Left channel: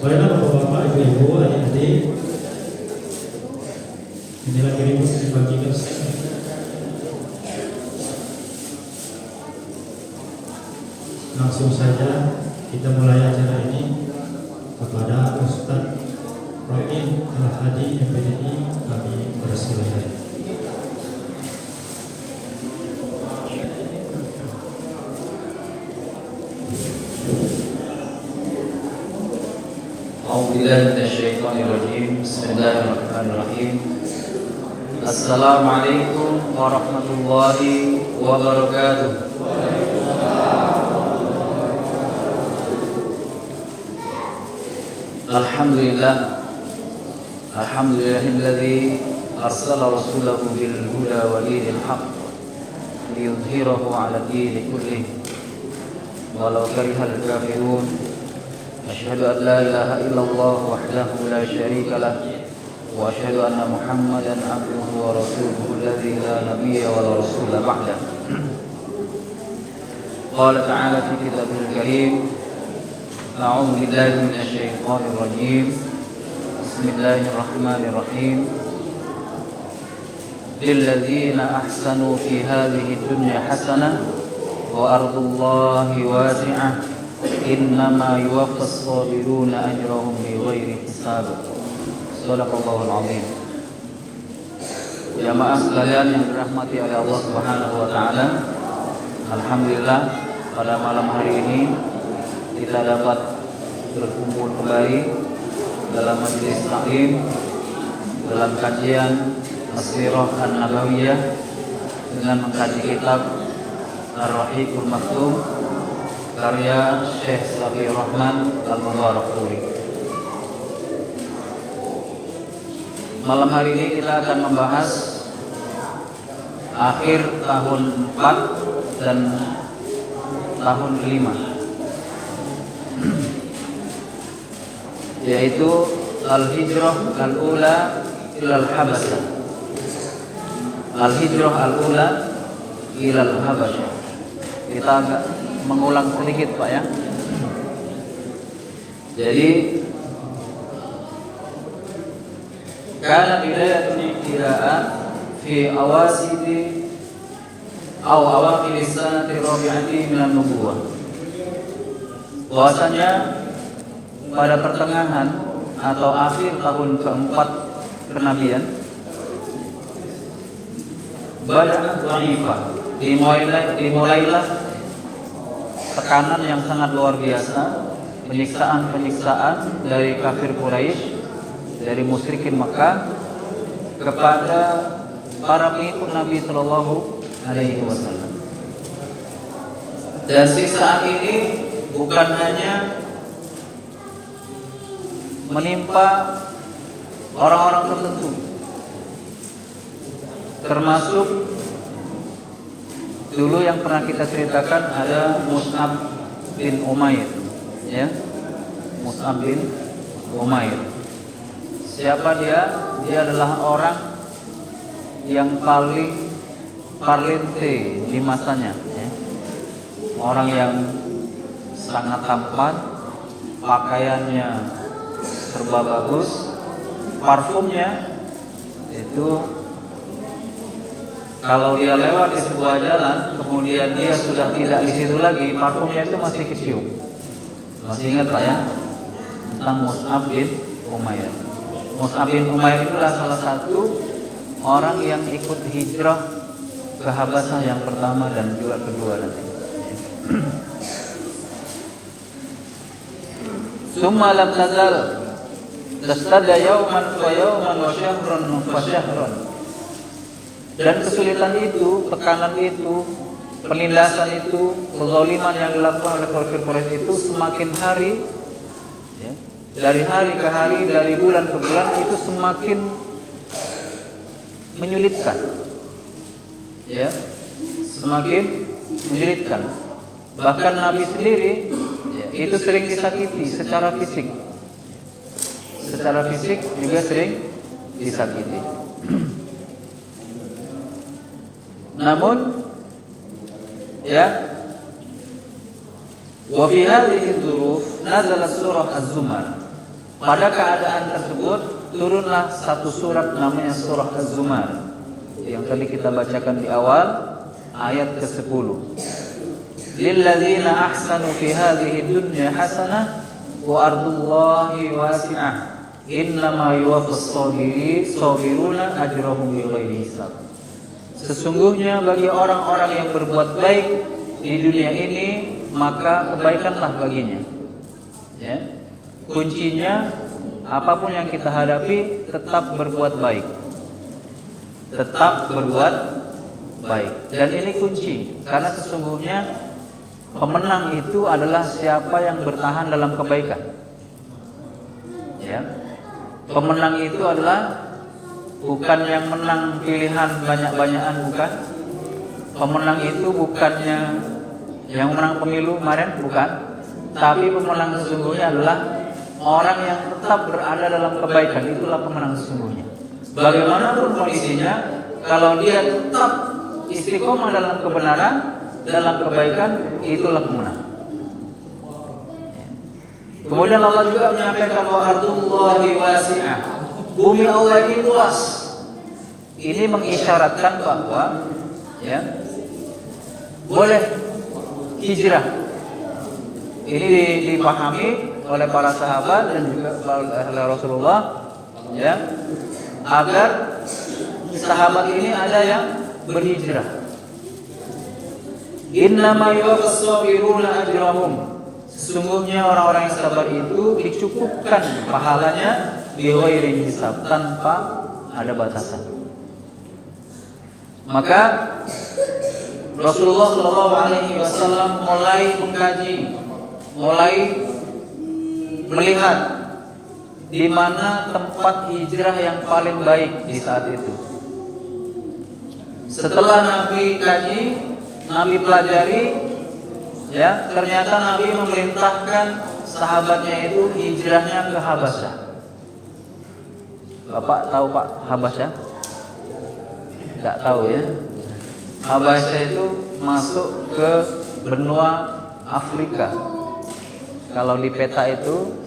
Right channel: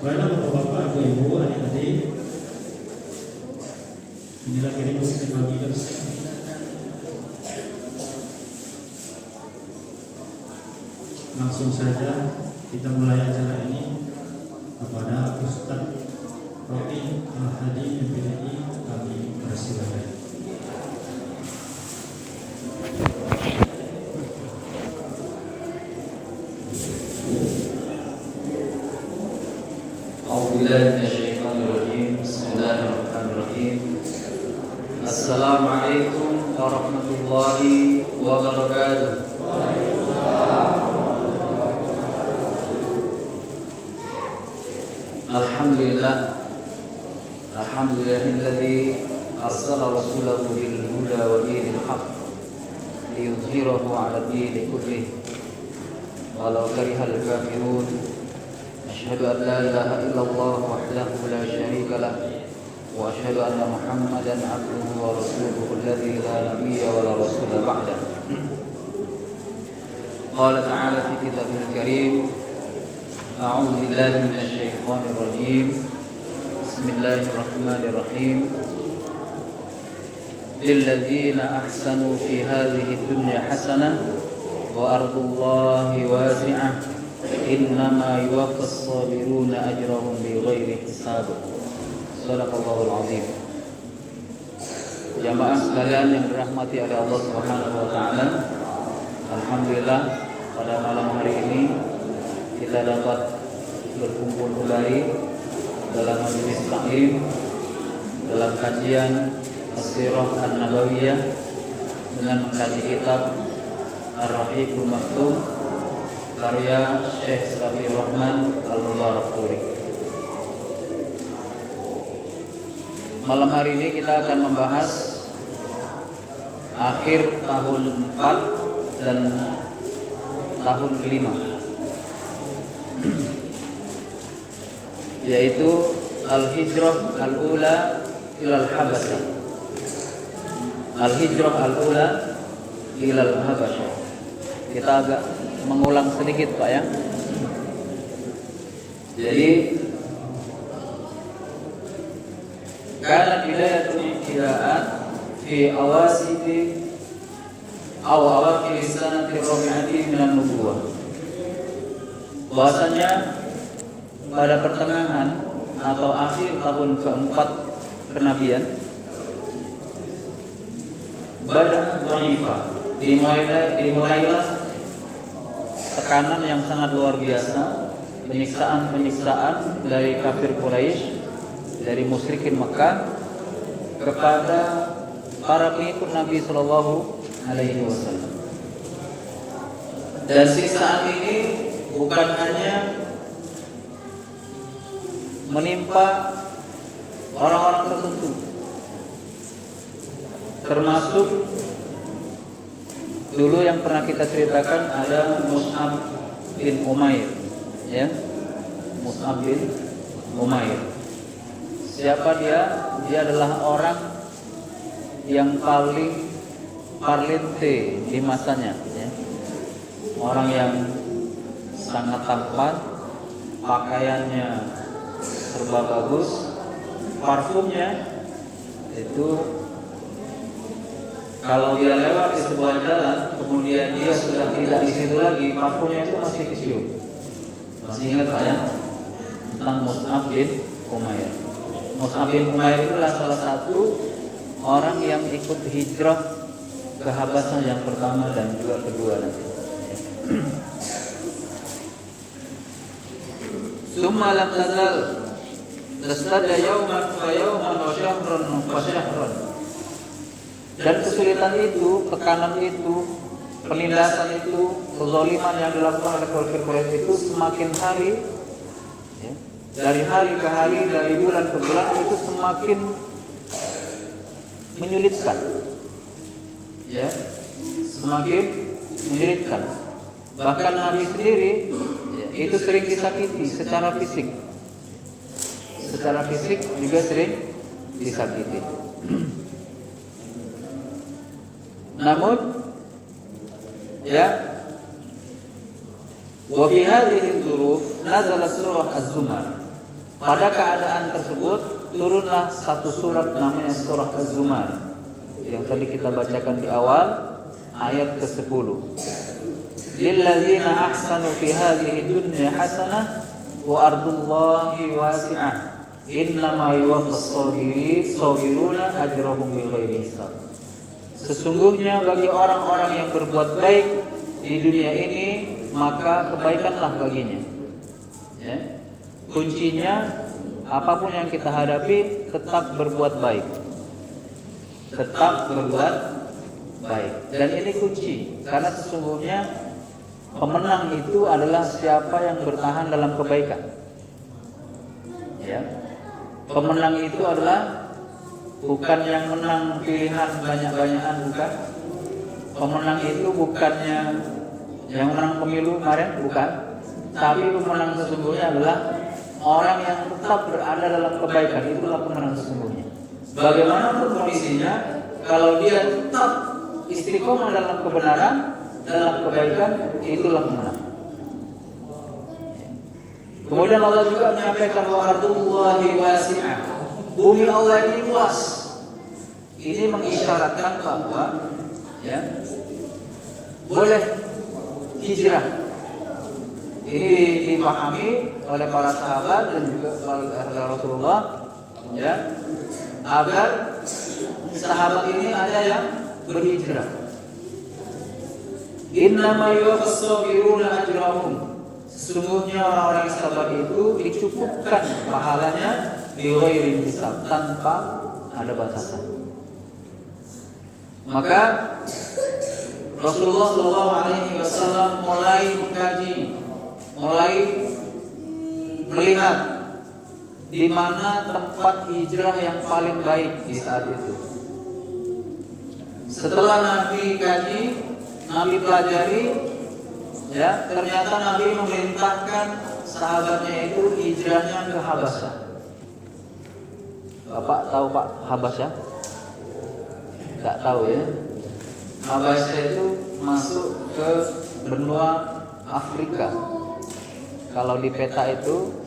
Baiklah Bapak-bapak, Ibu-ibu, adik-adik, inilah kirim dibagikan. Langsung saja kita mulai acara ini kepada Ustaz Rokin Al-Hadi MPDI, kami persilahkan. Bismillahirrahmanirrahim. Assalamualaikum warahmatullahi wabarakatuh. Alhamdulillahilladzi arsala rasulahu bil huda wa dinil haqq liyudhhirahu 'ala dini kullih walau karihal kafirun. Asyhadu an la ilaha illallah wahdahu la syarika lah wa asyhadu anna Muhammadan abduhu wa rasuluhu alladzi la nabiyya wa la rasula ba'dah. Qala ta'ala fi kitabihil karim, a'udzu billahi minasy syaithanir rajim. Bismillahirrahmanirrahim. Lilladzina ahsanu fi hadhihi dunya hasanah wa ardullahi wasi'ah innama yuwaffas sabiruna ajrahum bighairi hisab. Shadaqallahul azim. Jamaah sekalian yang dirahmati oleh Allah Subhanahu wa taala, alhamdulillah pada malam hari ini kita dapat berkumpul kembali dalam majelis taklim dalam kajian As-Sirah An-Nabawiyah dengan mengkaji kitab Ar-Rahiqul Maktum karya Syekh Safiur Rahman Al-Mubarakpuri. Malam hari ini kita akan membahas akhir tahun 4 dan tahun 5, yaitu Al-Hijrah Al-Ula ilal Habasyah. Al-Hijrah Al-Ula ilal Habasyah. Kita agak mengulang sedikit Pak ya. Jadi karena bidayatul ibtida'ah fi awasiti aw awakhir sanati rabi'ati min an-nubuwah. Bahwasanya pada pertengahan atau akhir tahun keempat kenabian, badan dhaifah dimulailah tekanan yang sangat luar biasa, penyiksaan dari kafir Quraisy, dari musyrikin Makkah kepada para pengikut Nabi Sallallahu Alaihi Wasallam. Dan siksaan ini bukan hanya menimpa orang-orang tertentu, termasuk dulu yang pernah kita ceritakan ada Mus'ab bin Umair, ya, Mus'ab bin Umair. Siapa dia? Dia adalah orang yang paling valente di masanya, ya. Orang yang sangat tampan, pakaiannya serba bagus, parfumnya itu kalau dia lewat di sebuah jalan, kemudian dia sudah tidak di situ lagi, parfumnya itu masih kecium. Masih ingat ya tentang Mus'ab bin Umair? Mus'ab bin Umair itu adalah salah satu orang yang ikut hijrah ke Habasyah yang pertama dan juga kedua. Summa lam tazal tastada yawman fa yawman wa syahran fa syahran. Dan kesulitan itu, tekanan itu, penindasan itu, kezaliman yang dilakukan oleh kafir Quraisy itu semakin hari, ya, dari hari ke hari, dari bulan ke bulan itu semakin menyulitkan, ya, semakin menyulitkan. Bahkan Nabi sendiri, ya, itu sering disakiti secara fisik, juga sering disakiti. Namun, ya, wa fi hadhihi al-dhuruf nazala surah Az-Zumar. Pada keadaan tersebut turunlah satu surat namanya surah Az-Zumar yang tadi kita bacakan di awal ayat ke-10. Lilladzina ahsanu fi hadhihi dunya hasanah wa ardullahi wasi'ah innama yuwaffas sabiruna ajrahum bighairi hisab. Sesungguhnya bagi orang-orang yang berbuat baik di dunia ini maka kebaikanlah baginya. Ya. Kuncinya apapun yang kita hadapi tetap berbuat baik. Tetap berbuat baik. Dan ini kunci karena sesungguhnya pemenang itu adalah siapa yang bertahan dalam kebaikan. Ya. Pemenang itu adalah bukan yang menang pilihan banyak-banyakan, bukan. Pemenang itu bukannya yang menang pemilu kemarin, bukan. Tapi pemenang sesungguhnya adalah orang yang tetap berada dalam kebaikan, itulah pemenang sesungguhnya. Bagaimanapun kondisinya, kalau dia tetap istiqomah dalam kebenaran, dalam kebaikan, itulah pemenang. Kemudian Allah juga menyampaikan wa ardullahi wasi'ah. Bumi Allah ini luas. Ini mengisyaratkan bahwa ya boleh hijrah. Ini dipahami oleh para sahabat dan juga oleh Rasulullah, ya, agar sahabat ini ada yang berhijrah. Innama yuwaffas sabiruna ajrahum. Sesungguhnya orang-orang yang sabar itu dicukupkan pahalanya bighairi hisab, tanpa ada batasan. Maka Rasulullah SAW mulai mengkaji, mulai melihat di mana tempat hijrah yang paling baik di saat itu. Setelah Nabi kaji, Nabi pelajari, ya, ternyata Nabi memerintahkan sahabatnya itu hijrahnya ke Habasyah. Bapak tahu Pak Habasyah? Tidak tahu ya. Habasyah itu masuk ke benua Afrika. Kalau di peta itu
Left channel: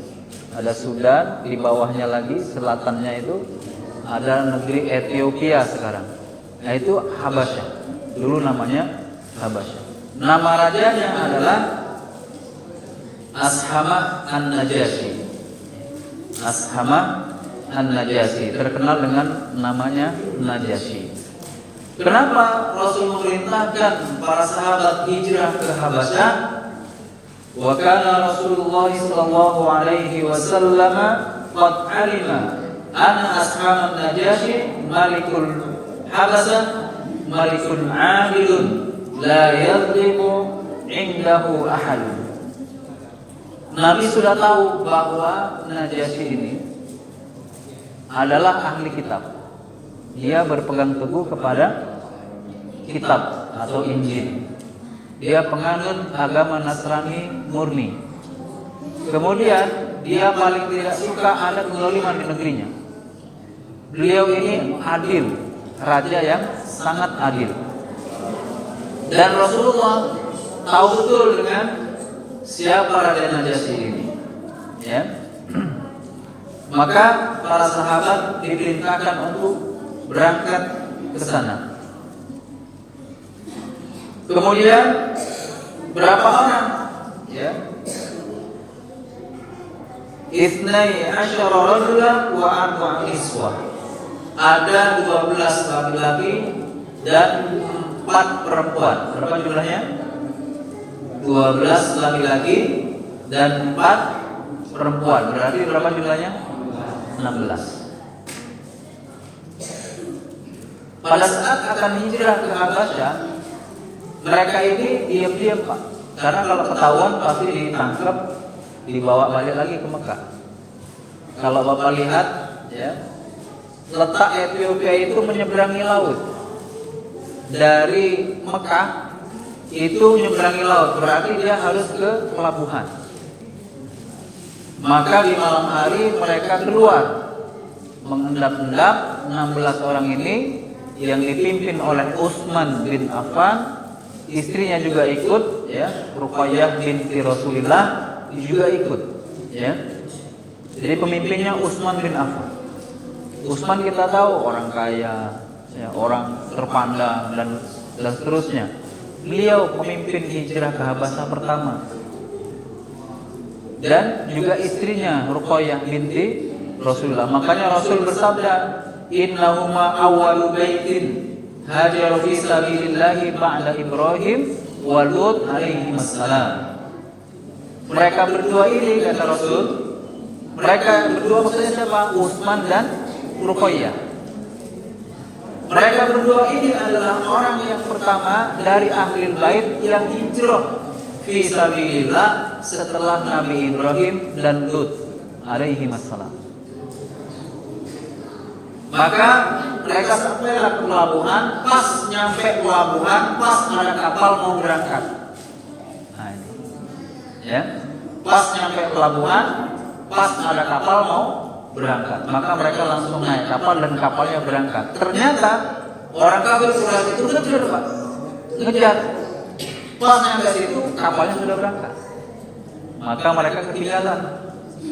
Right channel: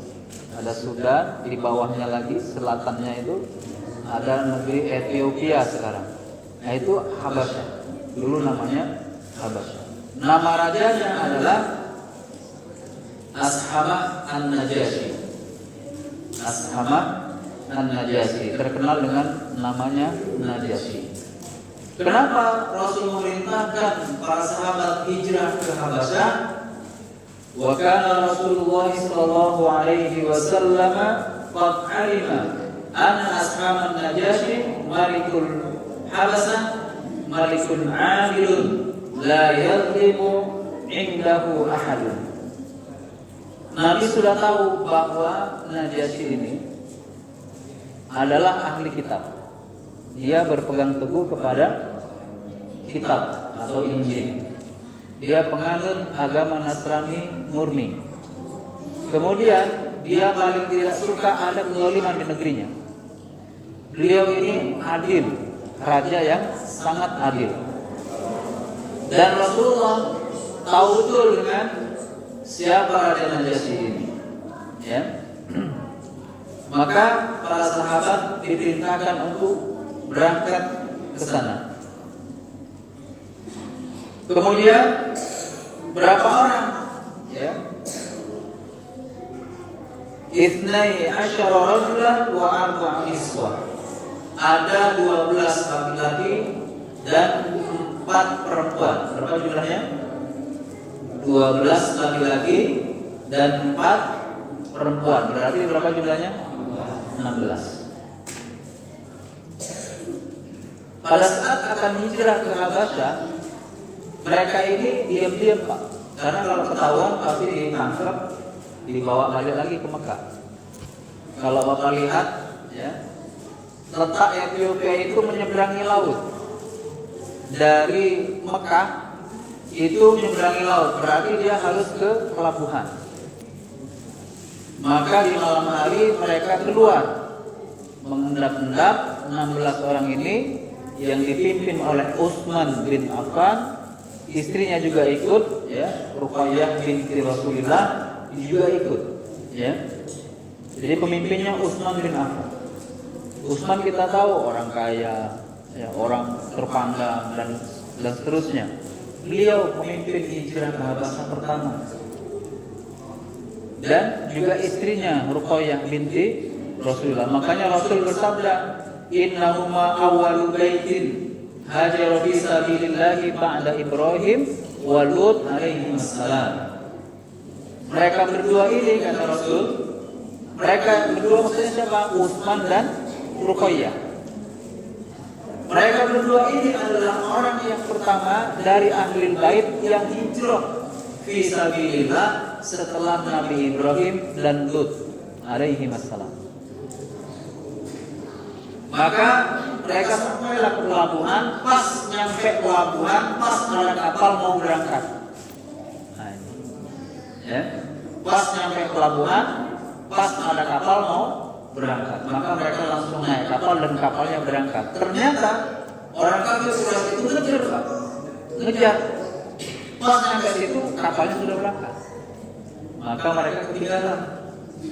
ada Sudan, di bawahnya lagi selatannya itu ada negeri Ethiopia sekarang. Nah itu Habasyah. Dulu namanya Habasyah. Nama rajanya adalah Ashama An-Najasyi. Ashama An-Najasyi, terkenal dengan namanya Najasyi. Kenapa Rasul memerintahkan para sahabat hijrah ke Habasyah? Wa kana Rasulullah sallallahu alaihi wasallam qad alima anna Ashama An-Najasyi malikul Habasyah malikun 'adilun la yadlimu indahu ahad. Nabi sudah tahu bahwa Najasyi ini adalah ahli kitab. Dia berpegang teguh kepada kitab atau Injil. Dia penganut agama Nasrani murni. Kemudian dia paling tidak suka ada kezaliman di negerinya. Beliau ini adil, raja yang sangat adil. Dan Rasulullah tahu betul dengan siapa Raja Najasyi ini, ya. Maka para sahabat diperintahkan untuk berangkat ke sana. Kemudian berapa orang? Ya. 12 rajulan wa 4 niswa. Ada 12 laki-laki dan 4 perempuan. Berapa jumlahnya? 12 laki-laki dan 4 perempuan. Berarti berapa jumlahnya? 16. Pada saat akan hijrah ke Habasyah, mereka ini diam-diam Pak. Karena kalau ketahuan pasti ditangkap, dibawa balik lagi ke Mekah. Kalau Bapak lihat, ya, letak Ethiopia itu menyeberangi laut. Dari Mekah itu menyeberangi laut, berarti dia harus ke pelabuhan. Maka di malam hari mereka keluar mengendap-endap 16 orang ini yang dipimpin oleh Utsman bin Affan, istrinya juga ikut, ya, Ruqayyah binti Rasulillah juga ikut, ya. Jadi pemimpinnya Utsman bin Affan. Utsman kita tahu orang kaya, ya, orang terpandang dan seterusnya. Beliau pemimpin hijrah ke Habasyah pertama. Dan juga istrinya Ruqayyah binti Rasulullah. Makanya Rasul bersabda, "Innahuma awwalu baitin hajaru fi sabilillahi ba'da Ibrahim wa Lut alaihi assalam." Mereka berdua ini kata Rasul, mereka berdua maksudnya siapa? Utsman dan Ruqayyah. Mereka berdua ini adalah orang yang pertama dari ahli bait yang hijrah fi sabilillah setelah Nabi Ibrahim dan Lut alaihi wassalam. Maka mereka sampailah ke pelabuhan, pas nyampe pelabuhan, pas ada kapal mau berangkat. Nah, ini. Ya, pas nyampe pelabuhan, pas ada kapal mau berangkat. Maka mereka langsung naik kapal dan kapalnya berangkat. Ternyata orang kafir Quraisy itu ngejar, Pak. Ngejar. Pas nyampe situ kapalnya sudah berangkat. Maka mereka ketinggalan.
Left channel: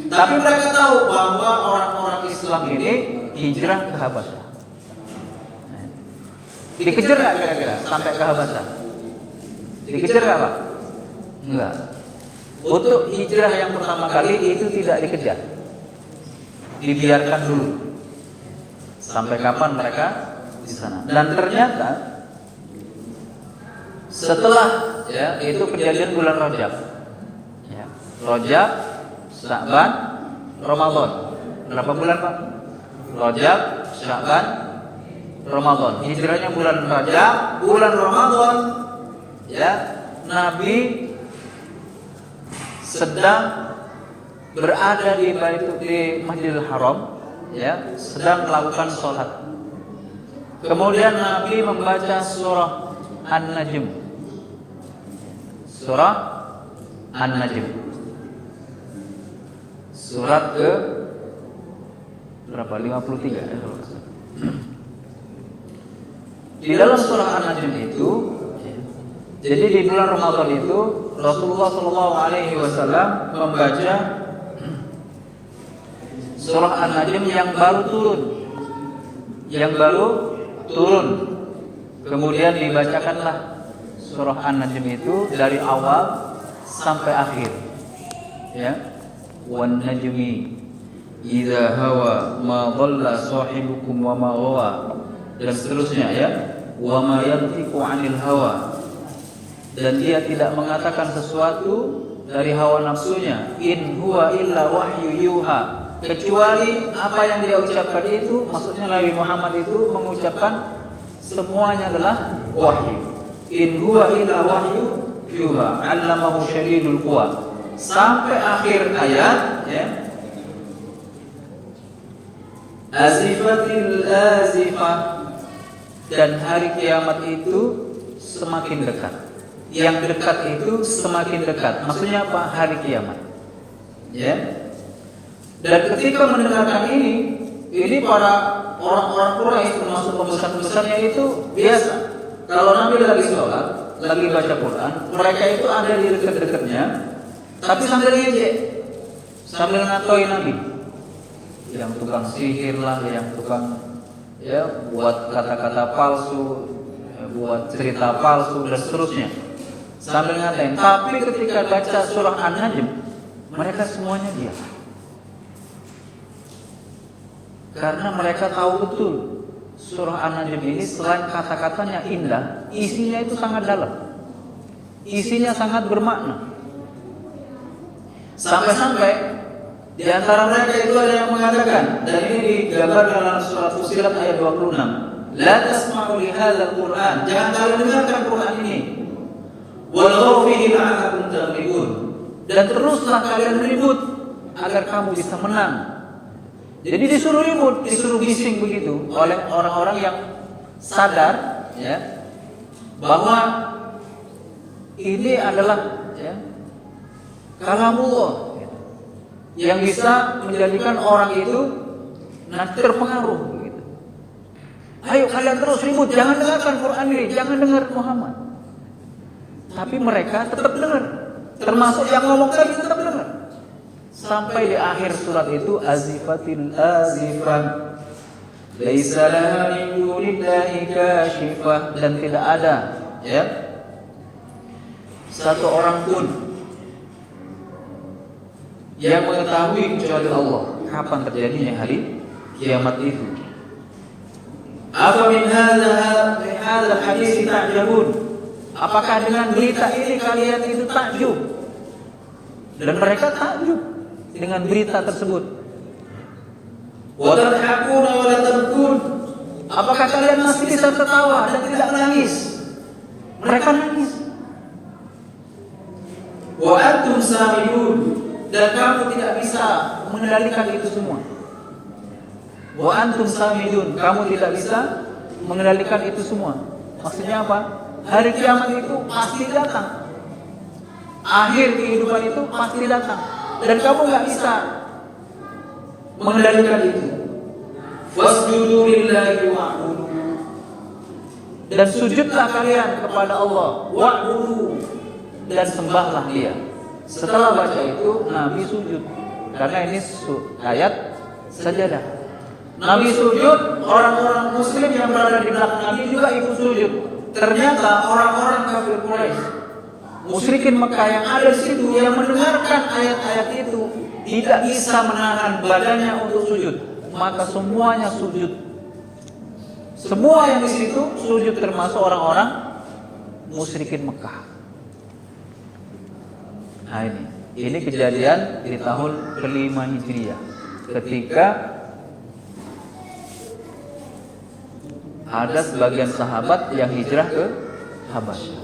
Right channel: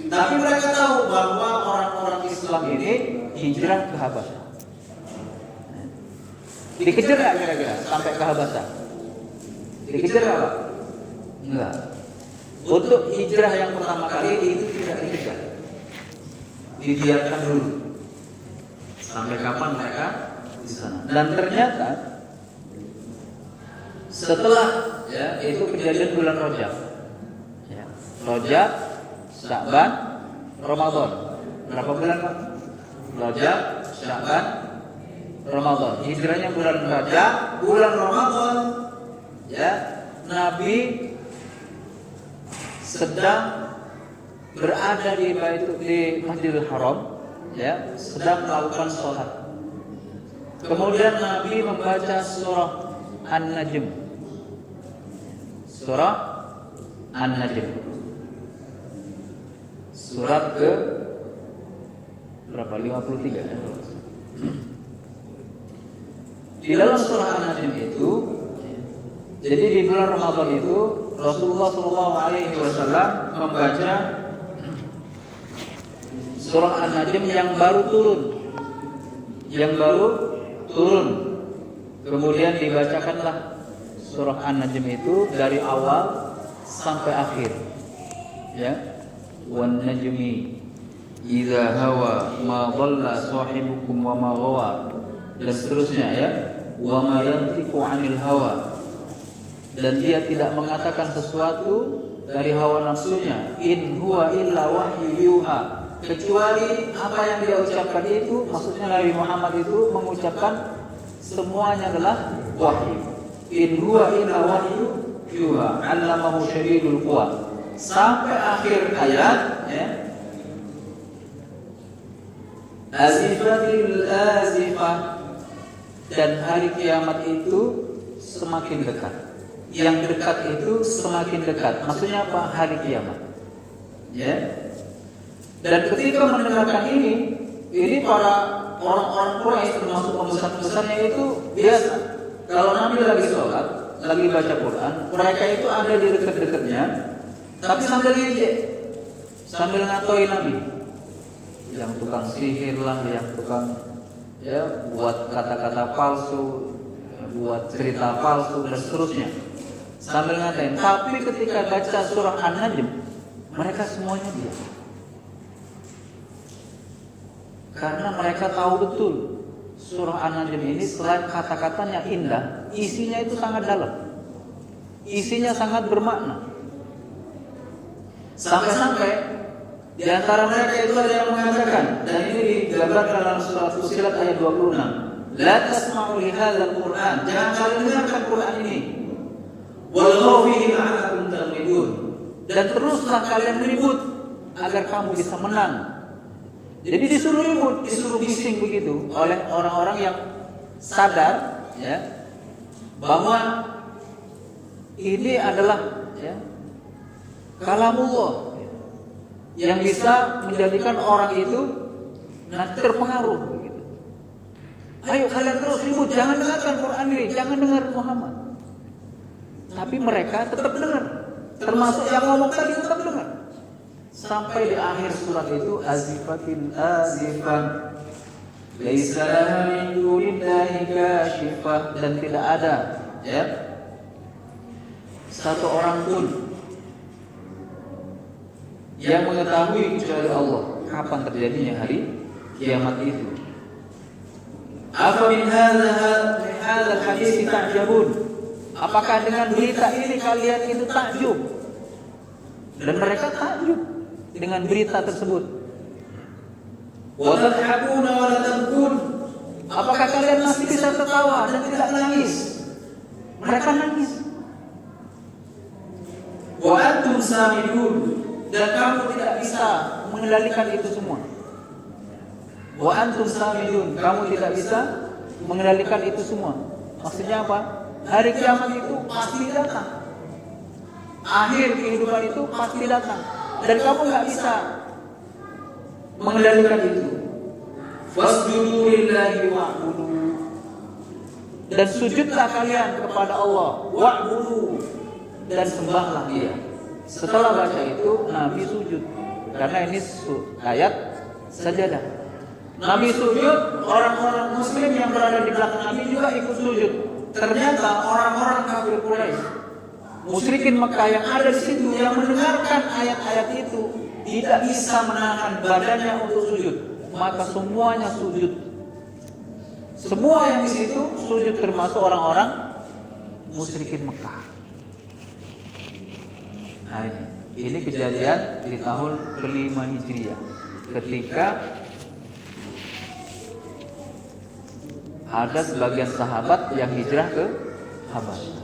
Tapi mereka tahu bahwa orang-orang Islam ini hijrah ke Habasyah. Dikejar nggak kira-kira sampai ke Habasyah? Dikejar nggak, Pak? Enggak. Untuk hijrah yang pertama kali itu tidak dikejar, dibiarkan dulu. Sampai kapan mereka di sana? Dan ternyata setelah ya itu kejadian bulan Rajab, ya, Rajab, Sya'ban, Ramadan. Berapa bulan, Pak? Rajab, Sya'ban, Ramadan. Hijrahnya bulan Rajab, bulan Ramadan. Ya, Nabi sedang berada di Masjidil Haram, ya, sedang melakukan sholat. Kemudian Nabi membaca surah An-Najm. Surah An-Najm. Surat ke berapa? 53. Di dalam surah An-Najm itu, jadi di bulan Ramadan itu Rasulullah SAW membaca surah An-Najm yang baru turun, kemudian dibacakanlah surah An-Najm itu dari awal sampai akhir, ya. Wan najmi idza hawa ma dhalla sahibukum wa ma ghawa, dan seterusnya, ya. Wa ma yantiqu 'anil hawa, dan dia tidak mengatakan sesuatu dari hawa nafsunya. In huwa illa wahyu yuha, kecuali apa yang dia ucapkan itu, maksudnya Nabi Muhammad itu mengucapkan semuanya adalah wahyu. In huwa illa wahyu yuha, 'allamahu syadidul quwa, sampai akhir ayat, ya. Azifatil azifah, dan hari kiamat itu semakin dekat. Yang dekat itu semakin dekat. Maksudnya apa? Hari kiamat, ya. Dan ketika mendengarkan ini para orang-orang Quraisy termasuk pembesar-pembesarnya itu biasa. Kalau Nabi lagi sholat, lagi baca Quran, mereka itu ada di dekat-dekatnya, tapi sambil ngejek, sambil ngatain Nabi. Yang tukang sihir lah, yang tukang, ya, buat kata-kata palsu, buat cerita palsu dan seterusnya, sambil ngatain. Tapi ketika baca surah An-Najm, mereka semuanya diam. Karena mereka tahu betul surah An-Najm ini selain kata-katanya indah, isinya itu sangat dalam, isinya sangat bermakna. Sampai-sampai di antara mereka itu ada yang mengatakan, dan ini digambarkan dalam surat Fussilat ayat 26, la tasma'u li hadzal Qur'an, jangan kalian dengarkan Quran ini, walghaw fihi la'allakum taghlibun, dan teruslah kalian ribut agar kamu bisa menang. Jadi disuruh ribut, disuruh bising begitu oleh orang-orang yang sadar, ya, bahwa ini adalah, ya, kalamullah yang bisa menjadikan orang itu terpengaruh begitu. Ayo kalian terus ribut, jangan dengarkan Quran ini, jangan dengar Muhammad. Tapi mereka tetap dengar, termasuk yang ngomong tadi tetap dengar. sampai di akhir surat itu azifatil azifah laisa laha min dunillahi kashifah, dan tidak ada ya satu orang pun yang mengetahui kecuali Allah kapan terjadinya hari kiamat itu. Apa min hadzal hadis ta'jabun? Apakah dengan berita ini kalian itu takjub? Dan mereka takjub dengan berita tersebut. Wa tadhakuna wa la tabkun? Apakah kalian masih bisa tertawa dan tidak menangis? Mereka nangis. Wa antum samidun, dan kamu tidak bisa mengendalikan itu semua. Wa antum samidun, kamu tidak bisa mengendalikan itu semua. Maksudnya apa? Hari kiamat itu pasti datang. Akhir kehidupan itu pasti datang, dan kamu nggak bisa mengendalikan itu. Fasjudu lillahi wa'budu, dan sujudlah kalian kepada Allah, wa'budu, dan sembahlah Dia. Setelah baca itu Nabi sujud, karena ini ayat sajadah. Nabi sujud, orang-orang muslim yang berada di belakang Nabi juga ikut sujud. Ternyata orang-orang kafir Quraisy, musyrikin Mekah yang ada di situ, yang mendengarkan ayat-ayat itu tidak bisa menahan badannya untuk sujud, maka semuanya sujud. Semua yang di situ sujud, termasuk orang-orang musyrikin Mekah. Nah ini kejadian di tahun ke-5 Hijriah, ketika ada sebagian sahabat yang hijrah ke Habasyah.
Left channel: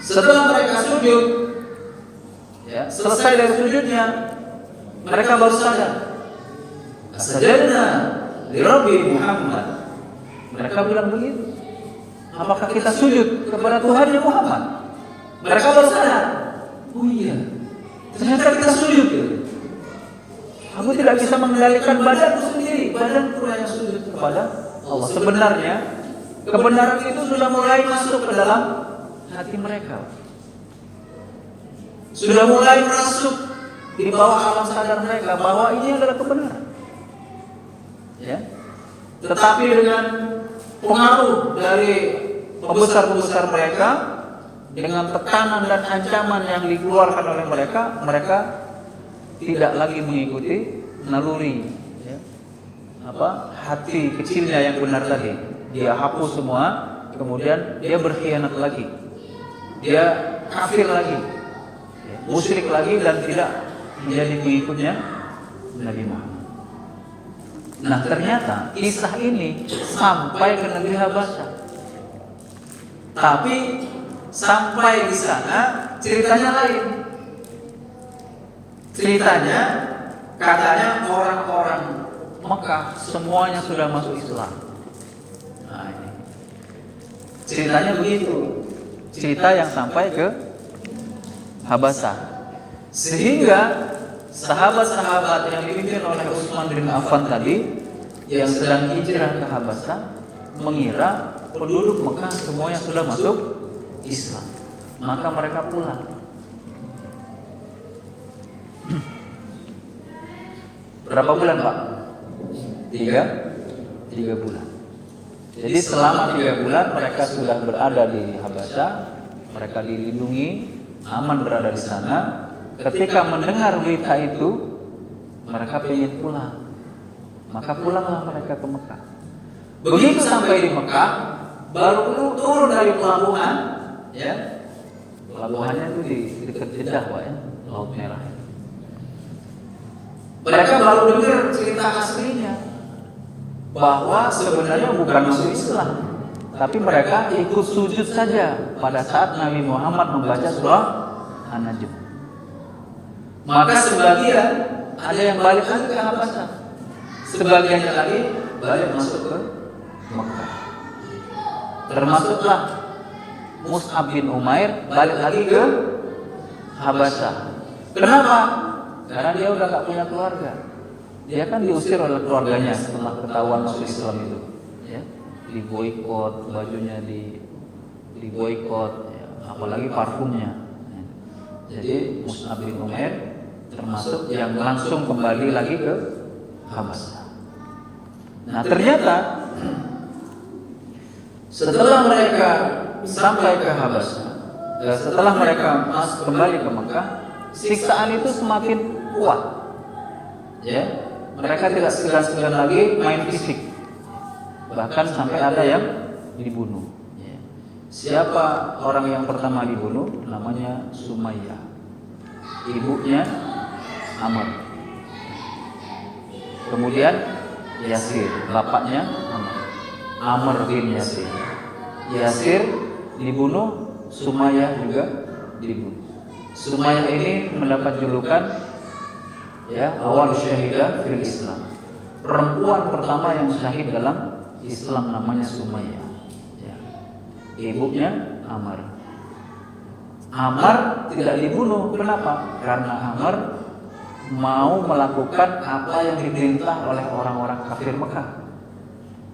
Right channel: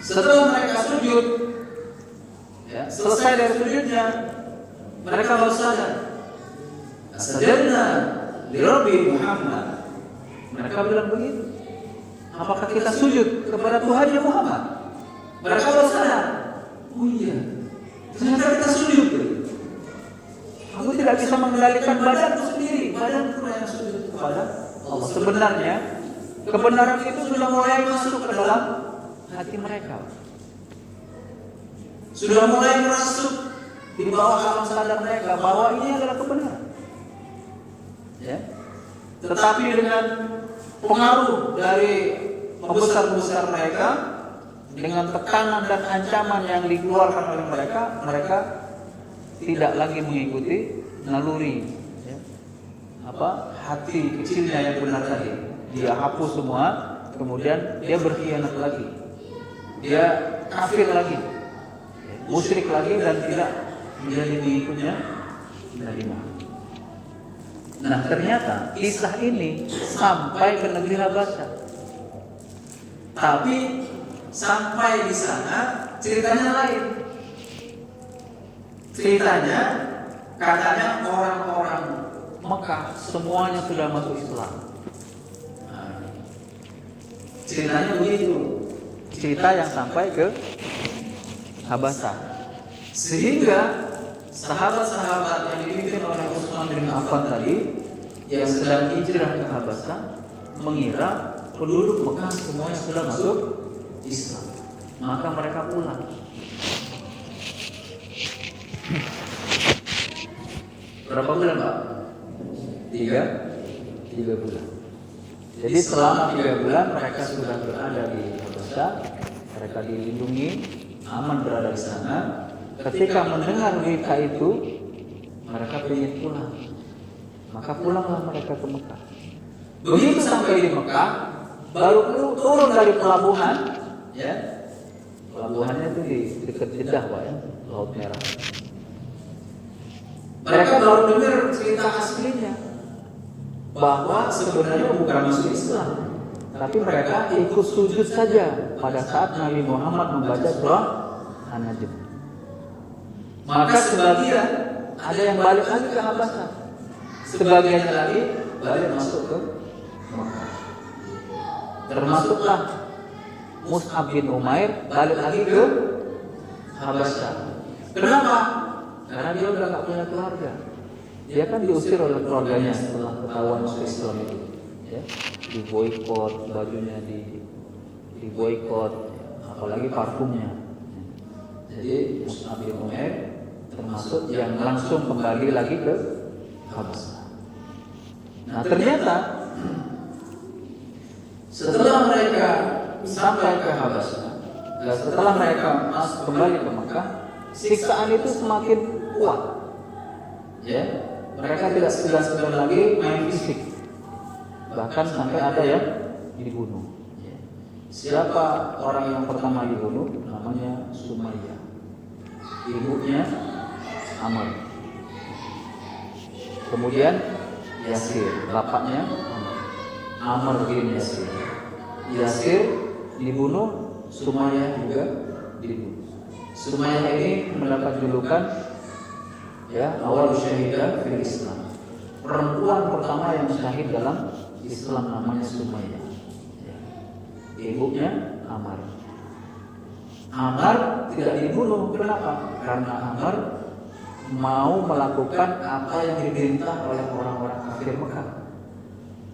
Setelah mereka sujud, ya, selesai dari sujudnya, mereka baru sadar. Sajadna li Rabbi Muhammad. Mereka bilang begitu. Apakah kita sujud kepada Tuhan Muhammad? Mereka baru sadar. Oh iya, ternyata kita sujud. Aku tidak bisa mengendalikan badanku sendiri. Badanku yang sujud kepada Allah. Sebenarnya kebenaran itu sudah mulai masuk ke dalam hati mereka, sudah mulai masuk di bawah alam sadar mereka bahwa ini adalah kebenaran. Ya. Tetapi dengan pengaruh dari pembesar-pembesar mereka, dengan tekanan dan ancaman yang dikeluarkan oleh mereka, mereka tidak lagi mengikuti naluri hati kecilnya yang benar tadi. Dia hapus semua, kemudian dia berkhianat lagi, dia kafir lagi, musyrik lagi, dan tidak menjadi pengikutnya Nabi Muhammad. Nah ternyata kisah ini sampai ke negeri Habasyah, tapi sampai di sana ceritanya lain. Ceritanya katanya orang-orang Mekah semuanya sudah masuk Islam. Nah, ini ceritanya begitu, cerita yang sampai ke Habasyah, sehingga sahabat-sahabat yang dipimpin oleh Utsman bin Affan tadi yang sedang hijrah ke Habasyah mengira penduduk Mekah semuanya sudah masuk Islam, maka mereka pulang. Berapa bulan Pak? 3 bulan. Jadi selama 3 bulan mereka sudah berada di Habasyah, mereka dilindungi, aman berada di sana. Ketika mendengar berita itu, mereka ingin pulang, maka pulanglah mereka ke Mekah. Begitu sampai di Mekah, baru turun dari pelabuhan, ya, pelabuhannya itu di dekat Jeddah, Pak, ya, Laut Merah. Mereka baru dengar cerita aslinya, bahwa sebenarnya bukan masuk Islam, tapi mereka ikut sujud saja pada saat Nabi Muhammad membaca surah An-Najm. Maka sebagian ada yang balik lagi ke Habasyah, sebagian lagi balik masuk ke Mekah. Termasuklah Mus'ab bin Umair balik lagi ke Habasyah. Kenapa? Karena dia udah nggak punya keluarga. Dia kan diusir oleh keluarganya setelah ketahuan masuk Islam itu, ya. Diboikot, bajunya diboikot, ya. Apalagi parfumnya. Jadi Mus'ab bin Umair termasuk yang langsung kembali lagi ke Habasyah. Nah ternyata setelah mereka sampai ke Habasyah, setelah mereka kembali ke Mekah, siksaan itu semakin kuat. Ya, mereka tidak segan-segan lagi main fisik, bahkan sampai ada yang dibunuh. Ya. Siapa orang yang pertama dibunuh? Namanya Sumayyah, ibunya Amr. Kemudian Yasir, bapaknya Amr bin Yasir. Yasir dibunuh, Sumayyah juga dibunuh. Sumayyah ini mendapat julukan ya awal syahidah fil Islam. Perempuan pertama yang syahid dalam Islam namanya Sumayyah. Ya. Ibunya Amr. Amr tidak dibunuh. Kenapa? Karena Amr mau melakukan apa yang diperintah oleh orang-orang kafir Mekah.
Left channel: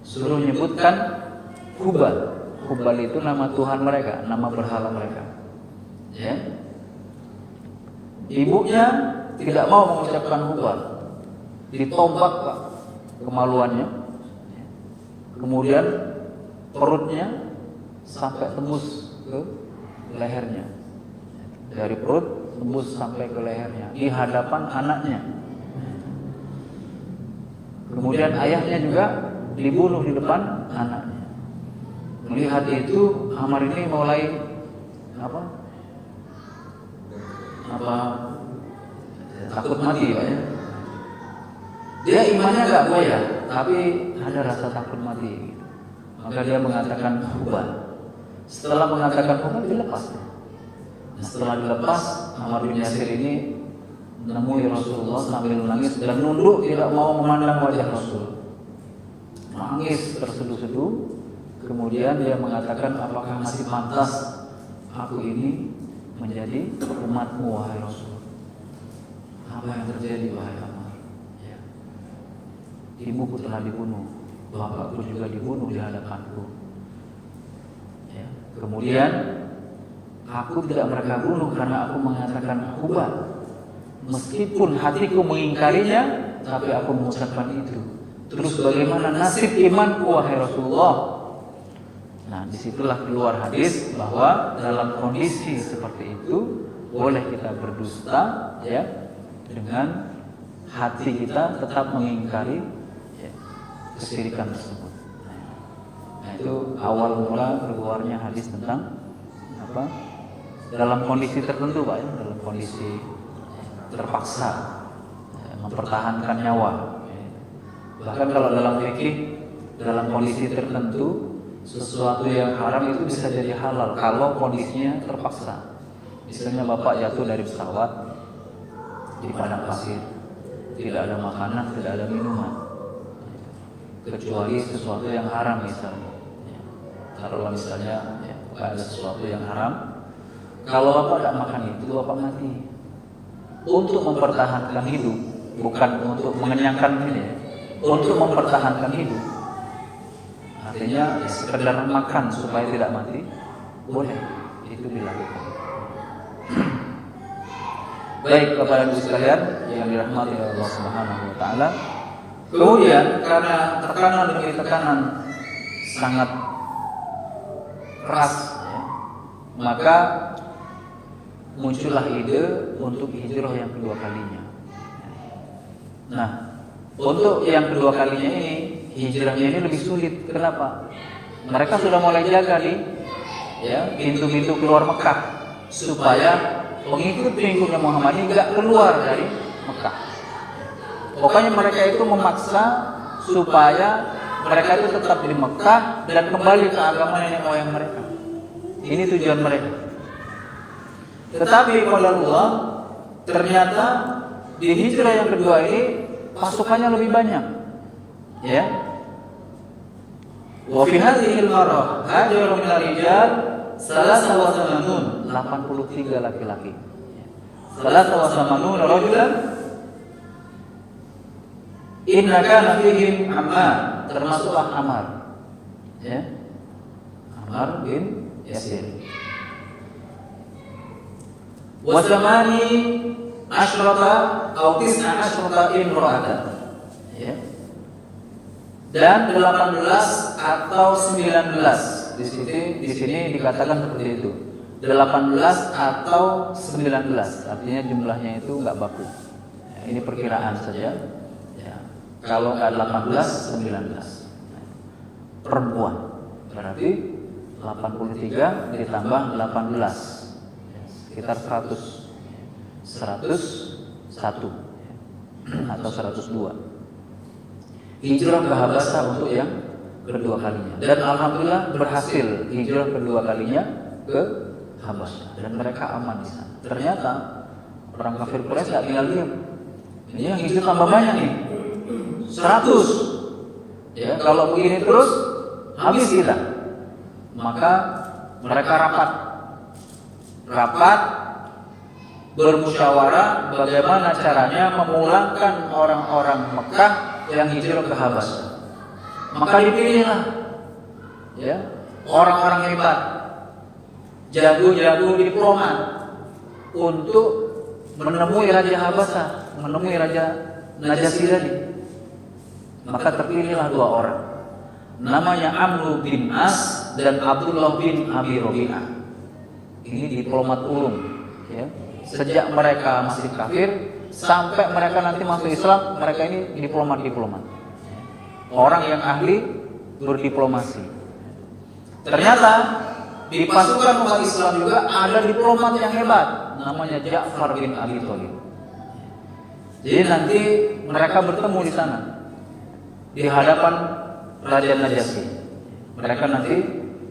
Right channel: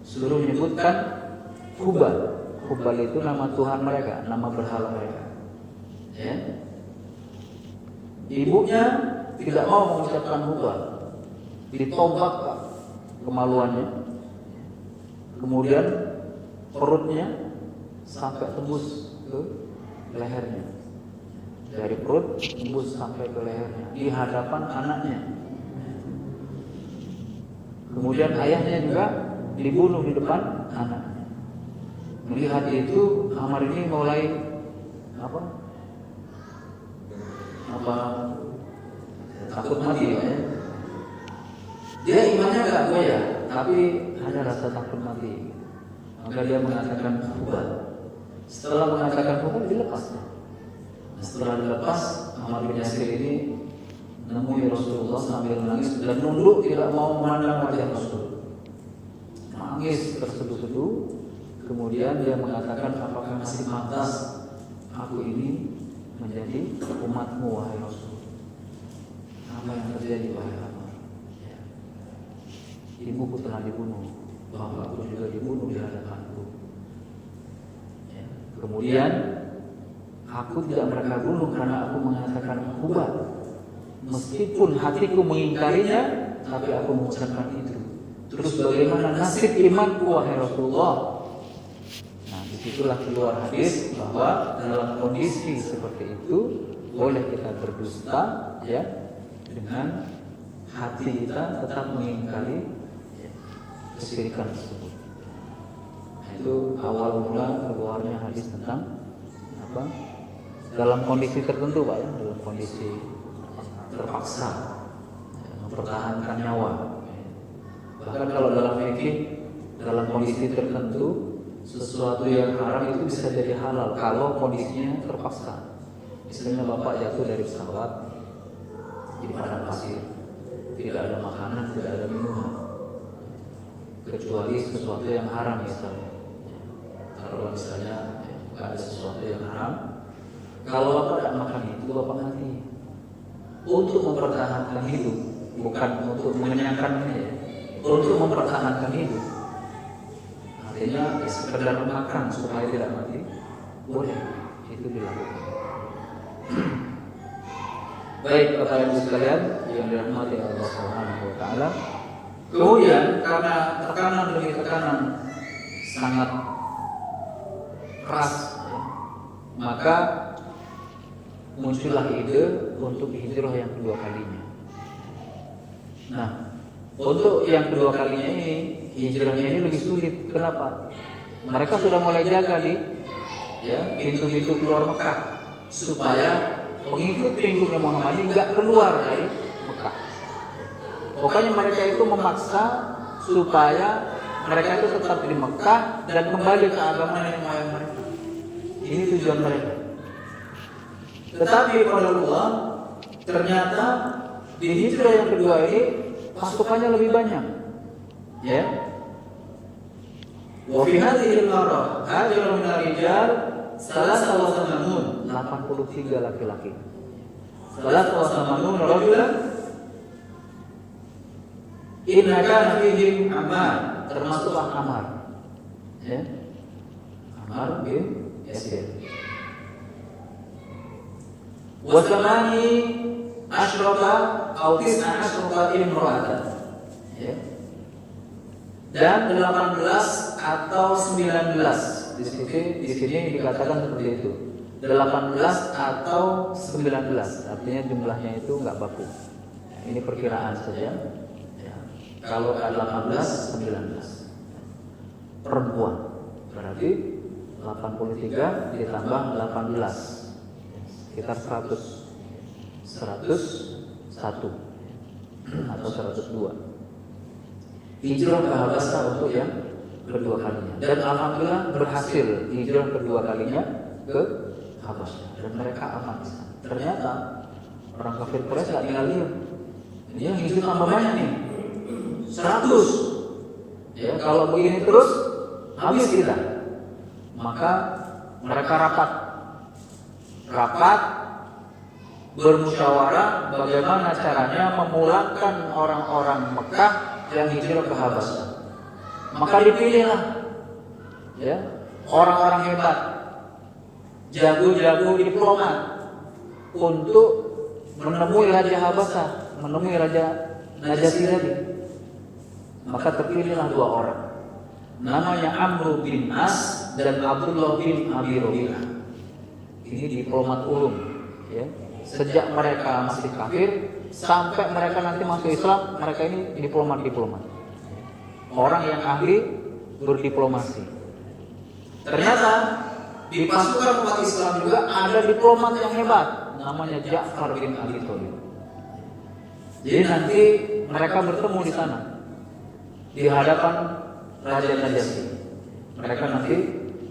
Suruh menyebutkan Hubal. Hubal itu nama Tuhan mereka, nama berhala mereka. Ya. Ibunya tidak mau mengucapkan Hubal, ditombak Pak, kemaluannya. Kemudian perutnya sampai tembus ke lehernya. Dari perut tembus sampai ke lehernya di hadapan anaknya. Kemudian ayahnya juga dibunuh di depan anaknya. Melihat itu, Amr ini mulai takut mati ya. Dia imannya nggak goyah, tapi ada rasa takut mati. Maka dia mengatakan Hubal. Setelah mengatakan Hubal, dilepas. Nah, setelah dilepas, Amr bin Yasir ini menemui Rasulullah sambil menangis dan nunduk tidak mau memandang wajah Rasul. Nangis terseduh-seduh. Kemudian dia mengatakan, apakah masih pantas aku ini menjadi umatmu wahai Rasul? Apa yang terjadi wahai Amr? Ya. Ibuku telah dibunuh, bapakku juga dibunuh di hadapanku. Ya. Kemudian aku tidak mereka bunuh karena aku mengatakan Hubal. Meskipun hatiku mengingkarinya, tapi aku mengucapkan itu. Terus bagaimana nasib imanku wahai Rasulullah? Nah, disitulah keluar hadis bahwa dalam kondisi seperti itu boleh kita berdusta, ya, dengan hati kita tetap mengingkari ya, kesyirikan tersebut. Nah, itu awal mula keluarnya hadis tentang apa? Dalam kondisi tertentu, Pak, ya, dalam kondisi terpaksa ya, mempertahankan nyawa. Bahkan kalau dalam fikih, dalam kondisi tertentu sesuatu yang haram itu bisa jadi halal kalau kondisinya terpaksa. Misalnya bapak jatuh dari pesawat di padang pasir, tidak ada makanan, tidak ada minuman, kecuali sesuatu yang haram misalnya. Kalau misalnya ada sesuatu yang haram, kalau bapak tidak makan itu bapak mati. Untuk mempertahankan hidup, bukan untuk mengenyangkannya, ya. Untuk mempertahankan hidup. Artinya ya, sekedar makan supaya tidak mati boleh, itu dilakukan. Baik Bapak Ibu sekalian yang dirahmati Allah Subhanahu wa taala. Kemudian karena tekanan demi tekanan sangat keras ya, maka muncullah ide untuk hijrah yang kedua kalinya. Nah, untuk yang kedua kalinya ini hijrahnya ini lebih sulit. Kenapa? Mereka sudah mulai jaga di ya, pintu-pintu keluar Mekah supaya pengikut-pengikutnya Muhammad ini nggak keluar dari Mekah. Pokoknya mereka itu memaksa supaya mereka itu tetap di Mekah dan kembali ke agama nenek moyang mereka. Ini tujuan mereka. Tetapi pada Allah ternyata di hijrah yang kedua ini pasukannya lebih banyak. Ya. Wa fi hadhihi al-marrah hajara min ar-rijal 83 laki-laki. 83 rajulan inna kana fihim Ammar, termasuk Ammar. Ya. Ammar bin Yasir. Wa samani asyrata atau tis'a asyrata imra'atan. Ya. Dan 18 atau 19. Di sini dikatakan seperti itu. 18 atau 19. Artinya jumlahnya itu enggak baku. Ya, ini perkiraan saja. Ya. Kalau enggak 18, 19. Perempuan. Berarti 83 ditambah 18. Sekitar 101 atau 102. Hijrah ke Habasyah untuk yang kedua kalinya, dan alhamdulillah berhasil hijrah kedua kalinya ke Habasyah dan mereka aman di sana. Ternyata orang kafir Quraisy tidak tinggal diam. Ini yang hijrah tambah banyak nih, 100. Ya, kalau begini terus habis kita. Maka mereka rapat bermusyawarah bagaimana caranya memulangkan orang-orang Mekah yang hijrah ke Habasyah. Maka dipilihlah ya orang-orang hebat, jago-jago diplomat untuk menemui Raja Habasyah, menemui Raja Najasyi tadi. Maka terpilihlah dua orang, namanya Amr bin As dan Abdullah bin Abi Rabi'ah. Ini diplomat ulung ya. Sejak mereka masih kafir sampai mereka nanti masuk Islam, mereka ini diplomat. Orang yang ahli berdiplomasi. Ternyata di pasukan umat Islam juga ada diplomat yang hebat, namanya Ja'far bin Abi Thalib. Jadi nanti mereka bertemu di sana di hadapan Raja Najasyi. Mereka nanti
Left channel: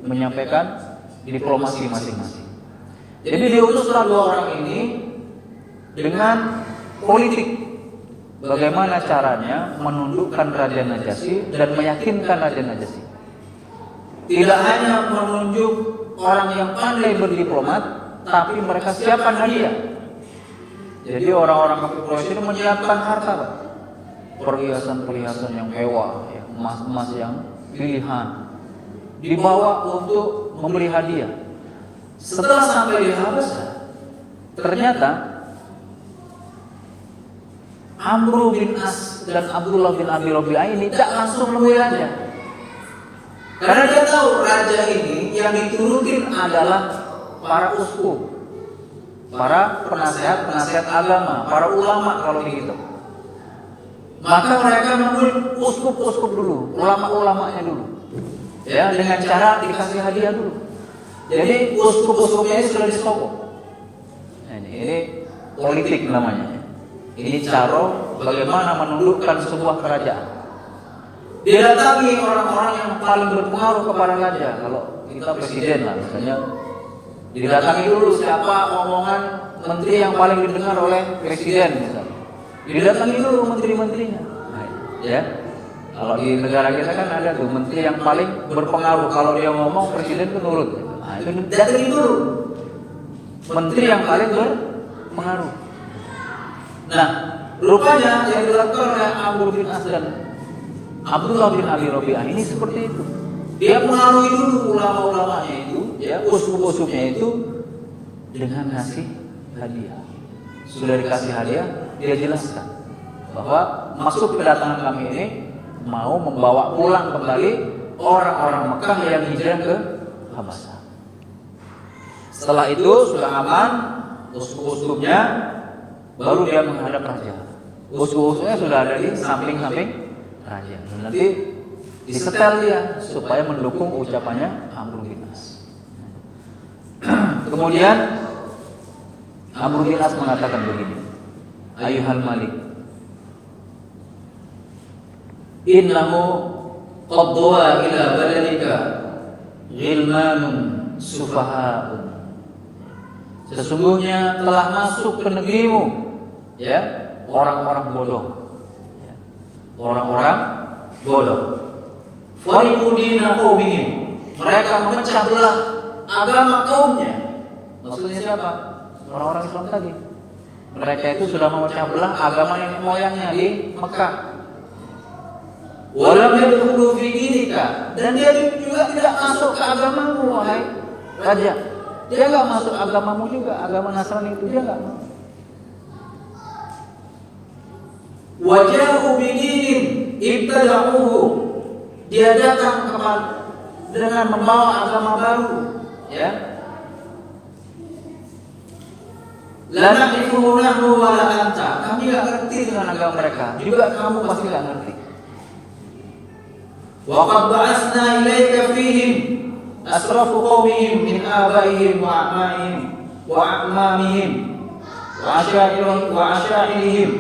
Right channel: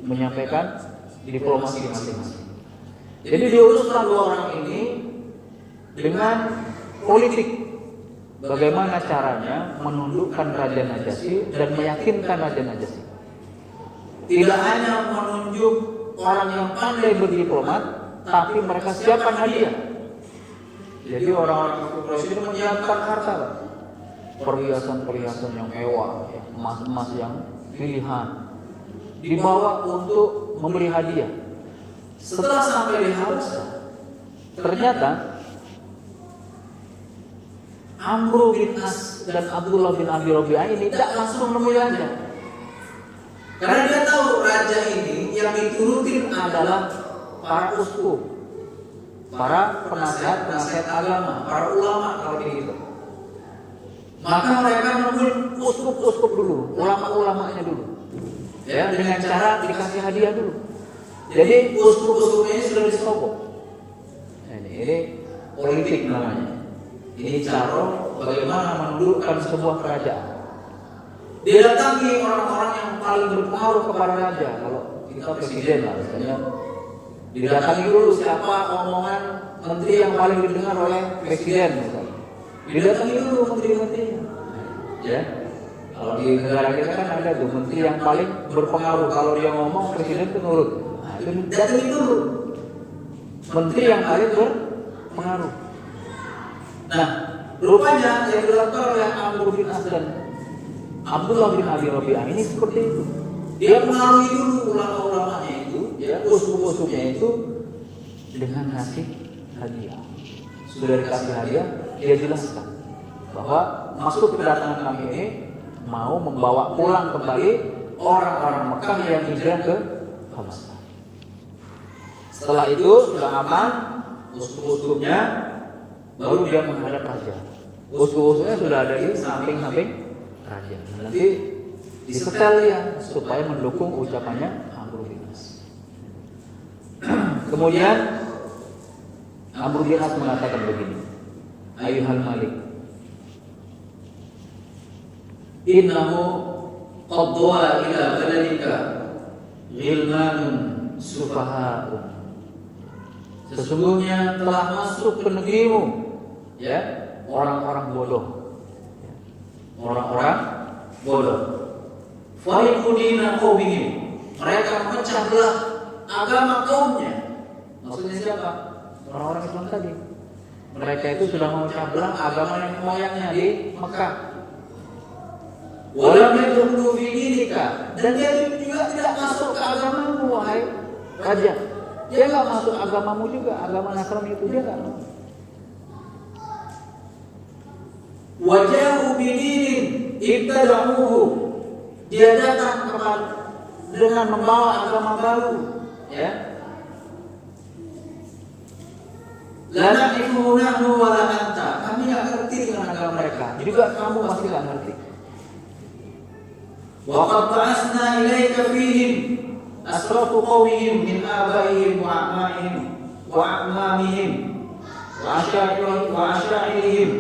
menyampaikan diplomasi masing-masing. Jadi diutuslah dua orang ini dengan politik. Bagaimana caranya menundukkan Raja Najasyi dan meyakinkan Raja Najasyi. Tidak hanya menunjuk orang yang pandai berdiplomat, tapi mereka siapkan hadiah. Jadi orang-orang kafir Quraisy itu menyiapkan harta, perhiasan-perhiasan yang mewah, emas-emas yang pilihan, dibawa untuk membeli hadiah. Setelah sampai di Habasyah, ternyata Amr bin As dan Abdullah bin Abi Rabi'ah ini tidak langsung menemui raja, karena dia tahu raja ini yang diturutin adalah para uskup, para penasihat agama, para ulama kalau begitu. Maka mereka menemui uskup dulu, ulama-ulamanya dulu, ya, dengan cara dikasih hadiah dulu. Jadi uskup-uskupnya ini sudah disokok. Ini politik namanya. Ini cara bagaimana menundukkan sebuah kerajaan. Didatangi orang-orang yang paling berpengaruh kepada raja. Kalau kita presiden lah misalnya, didatangi dulu siapa omongan menteri yang paling didengar oleh presiden misalnya. Didatangi dulu menteri-menterinya. Ya. Kalau di negara kita kan ada tuh menteri yang paling berpengaruh, kalau dia ngomong presiden itu nurut. Nah, itu datangi dulu menteri yang paling berpengaruh. Nah, rupanya yang dilakukan oleh Amr bin As dan Abdullah bin Abi Rabi'ah ini seperti itu. Dia mengalami dulu ulama-ulamanya itu, ya, uskup-uskupnya itu dengan kasih hadiah. Sudah dikasih hadiah, dia jelaskan bahwa maksud kedatangan kami ini mau membawa pulang kembali orang-orang Mekah yang hijrah ke Habasyah. Setelah itu sudah aman uskup-uskupnya, baru dia menghadap raja. Uskup-uskupnya sudah ada di samping-samping raja. Nanti disetel dia supaya mendukung ucapannya Amr bin As. Kemudian Amr bin As mengatakan begini, Ayuhal Malik, innahu qadwa ila baladika ghilmanun sufaha'un. Sesungguhnya telah masuk ke negerimu, ya, orang-orang bodoh. Orang-orang bodoh. Fariqu dina qaumihim. Mereka memecah belah agama kaumnya. Maksudnya siapa? Orang-orang Islam tadi. Mereka itu sudah memecah belah agama nenek moyangnya di Mekah. Walam yadkhulu fi dinika, dan dia juga tidak masuk ke agamamu, wahai raja. Dia enggak masuk agamamu juga, agama Nasrani itu dia enggak. Wajahu bidinin ibtada'uhu, dia datang dengan membawa agama baru, ya. La na'rifu nahnu wa la anta, kami enggak ngerti dengan agama mereka, juga kamu pasti enggak ngerti. Wa qad ba'atsna ilaika fihim asrafu qaumihim min abaihim wa a'maihim wa a'mamihim wa asyairihim,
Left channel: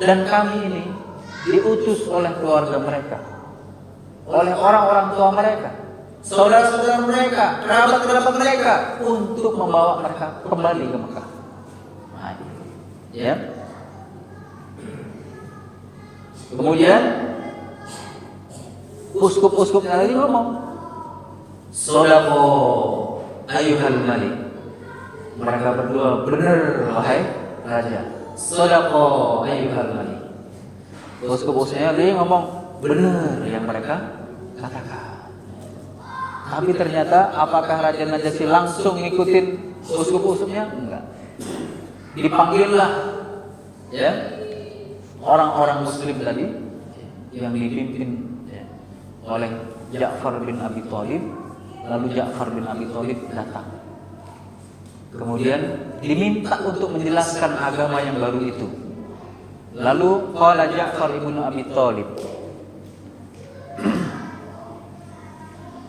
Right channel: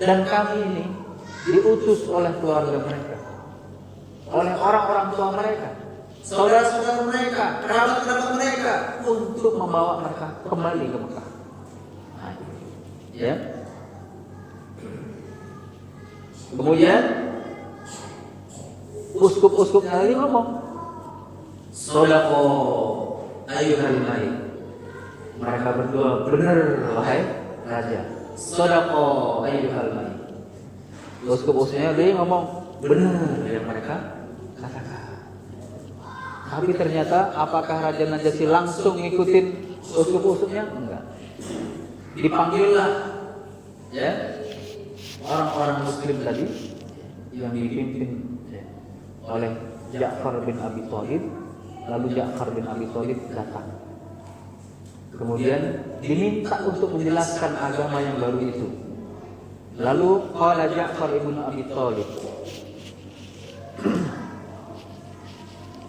dan kami ini diutus oleh keluarga mereka, oleh orang-orang tua mereka, saudara-saudara mereka, kerabat-kerabat mereka, untuk membawa mereka kembali ke Mekah. Nah, ya. Kemudian uskup-uskup tadi ngomong, "Shadaqo ayyuhal malik." Mereka berdua benar, wahai raja. "Shadaqo ayyuhal malik." Uskup-uskupnya dia ngomong benar yang mereka katakan. Tapi ternyata apakah Raja Najasyi langsung ngikutin uskup-uskupnya? Enggak. Dipanggillah, ya, orang-orang Muslim tadi yang dipimpin, ya, oleh Ja'far bin Abi Thalib. Lalu Ja'far bin Abi Thalib datang. Kemudian diminta untuk menjelaskan agama yang baru itu. Lalu qala Ja'far bin Abi Thalib,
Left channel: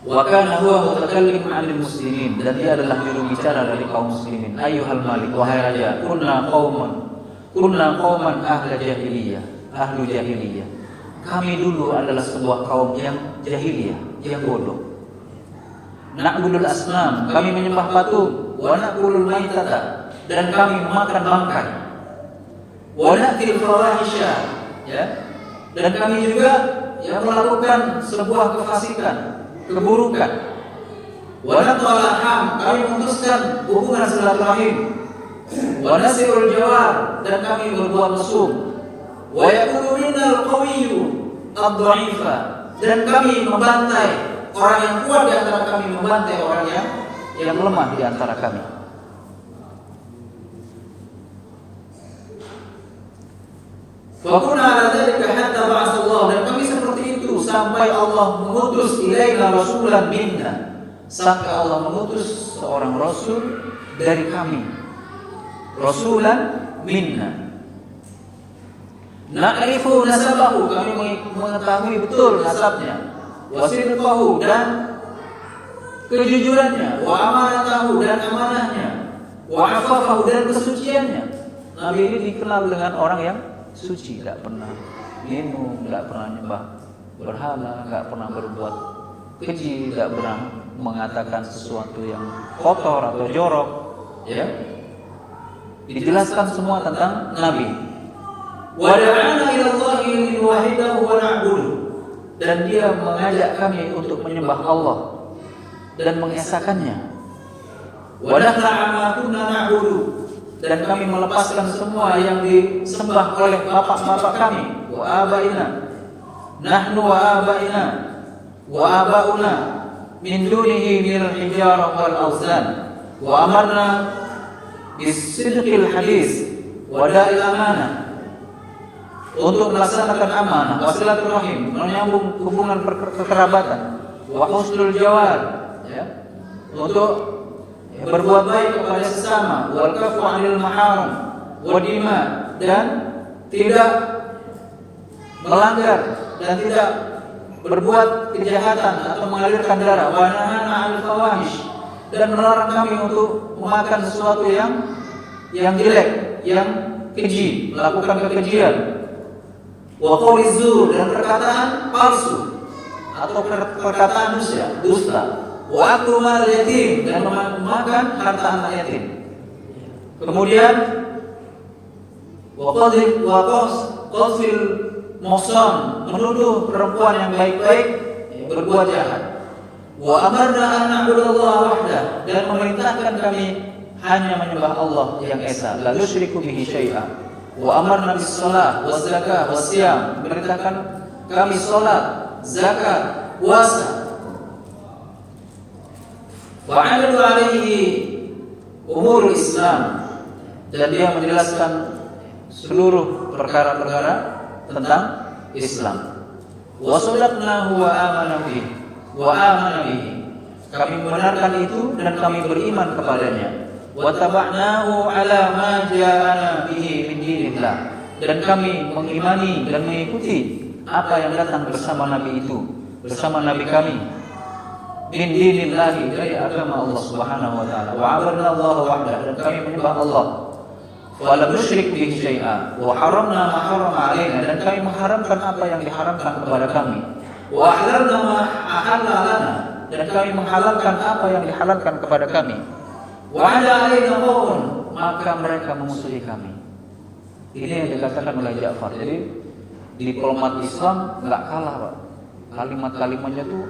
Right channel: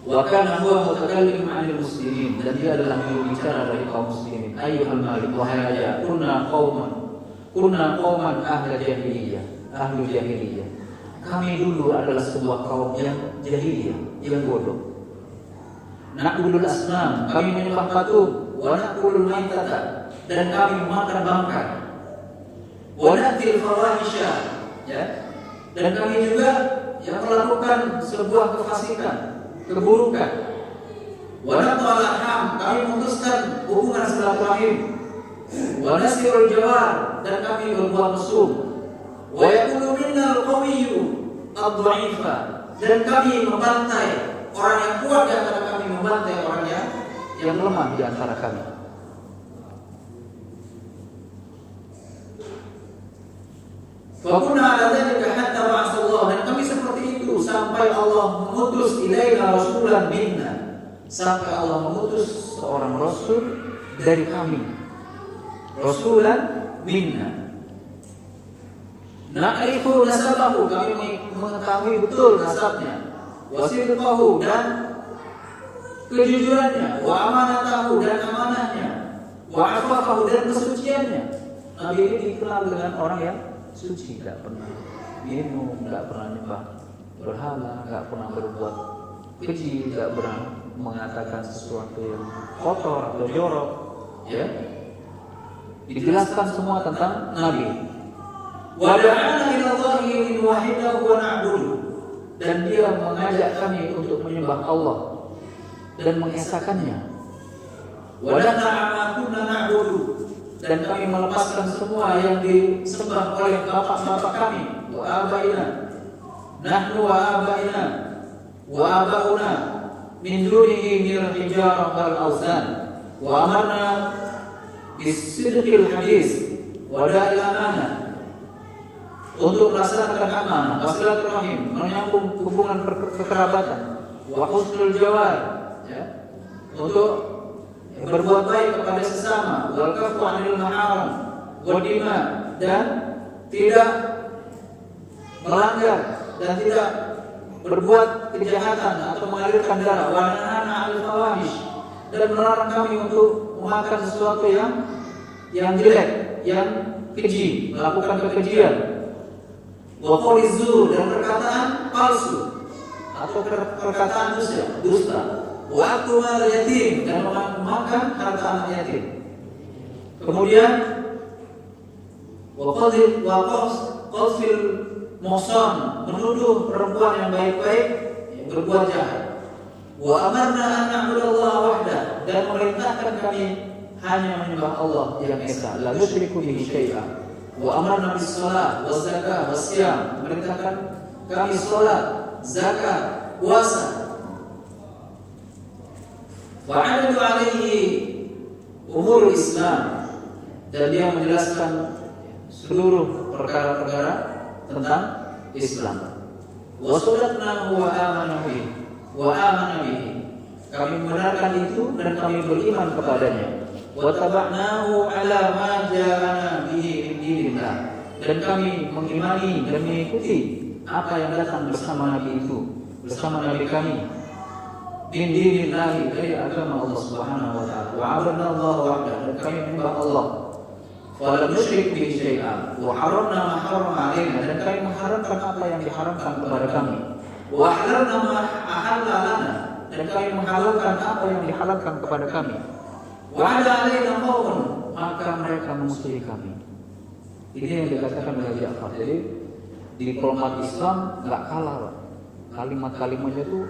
wa kana huwa mutakallim 'anil muslimin, dan dia adalah juru bicara dari kaum muslimin. Ayyuhal malik, wahai raja, kunna qauman ahli jahiliyah. Kami dulu adalah sebuah kaum yang jahiliyah, yang bodoh. Na'budul asnam, kami menyembah patung. Wa na'kulul maitata, dan kami makan bangkai. Wa na'til fawahisha, ya, dan kami juga yang melakukan sebuah kefasikan, keburukan. Wa nat'alaham, kami memutuskan hubungan silaturahim. Wa nasirul jawar, dan kami berbuat mesum. Wa yakunu minnal qawiyyu ad-dha'ifa, dan kami membantai orang yang kuat di antara kami, membantai orang yang lemah di antara kami. Fa kunna ala dzalika hatta ba'atsallahu, dan kami seperti itu sampai Allah mengutus ilaina rasulan minna, sampai Allah mengutus seorang rasul dari kami, rasulan minna. Na'rifu nasabahu, kami mengetahui betul nasabnya, wa sidqahu, dan kejujurannya, wa amanatahu, dan amanahnya, wa afafahu, dan kesuciannya. Nabi ini dikenal dengan orang yang suci, tidak pernah minum, tidak pernah nyembah berhala, tidak pernah berbuat keji, tidak pernah mengatakan sesuatu yang kotor atau jorok, ya. Dijelaskan semua tentang Nabi. Wa da'ana ila Allahi liwahidahu wa na'budu, dan dia mengajak kami untuk menyembah Allah dan mengesakannya. Wa nahna ma kunna na'budu, dan kami melepaskan semua yang disembah oleh bapak-bapak kami. Wa abaina, nahnu wa abaina wa abauna min dunihi minal hijarah wal awzan, wa amarna bisidqil hadis wa da'il amanah, untuk melaksanakan amanah, wasilaturahim, menyambung hubungan kekerabatan, wa husnul jawar, ya, untuk berbuat baik kepada sesama, wal kafu 'anil maharam wa dima, dan tidak melanggar dan tidak berbuat kejahatan atau mengalirkan darah, wa nahana 'anil fawahish, dan melarang kami untuk memakan sesuatu yang jelek, yang keji, melakukan kekejian. Wa qawli zur, dan perkataan palsu atau perkataan dusta. Wa aklu mal yatim, dan memakan harta anak yatim. Kemudian wa qadfil muhsan, menuduh perempuan yang baik-baik berbuat jahat. Wa amarna an na'budallaha wahdah, dan memerintahkan kami hanya menyembah Allah yang esa, la nusyriku bihi syai'a. Wa amarna bis shalah waz zakah was siyam, memerintahkan kami salat, zakat, puasa. Wa 'adadu 'alaihi umurul Islam, dan dia menjelaskan seluruh perkara-perkara tentang Islam. Wa sadaqnahu wa amana bihi. Kami benarkan itu dan kami beriman kepadanya. Wa taba'nahu ala ma ja'ana bihi min dinillah. Dan kami mengimani dan mengikuti apa yang datang bersama Nabi itu, bersama Nabi kami. Min dinillahi, dari agama Allah Subhanahu wa taala. Wa 'abadna Allah wahdahu, dan kami menyembah Allah. Wa lam nusyrik bihi syai'a. Wa haramna ma harrama 'alaina, dan kami mengharamkan apa yang diharamkan kepada kami. Wa ahlalna ma ahalla lana, dan kami menghalalkan apa yang dihalalkan kepada kami. Wa 'ala 'alaina qawlun, maka mereka musuhi kami. Ini yang dikatakan oleh Ja'far. Jadi diplomat Islam enggak kalah, Pak. Kalimat-kalimatnya itu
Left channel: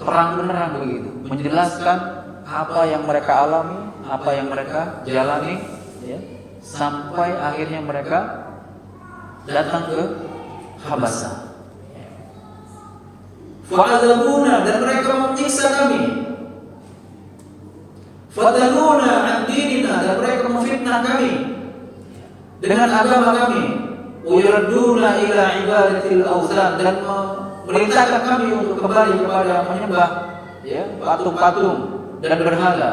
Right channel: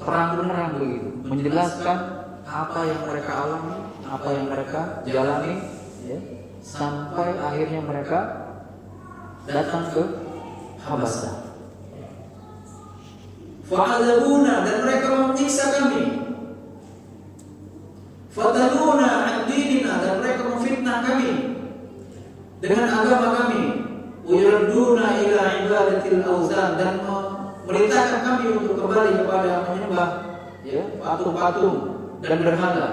terang-terang begitu, menjelaskan apa yang mereka alami, apa yang mereka jalani, ya, sampai akhirnya mereka datang ke Habasah. Fa'adzabuna, dan mereka menyiksa kami. Fadaluna an dinina, dan mereka memfitnah kami dengan agama kami. Uyarduna ila ibadatil awthan, dan memerintahkan kami untuk kembali kepada menyembah, ya, patung-patung dan berhala.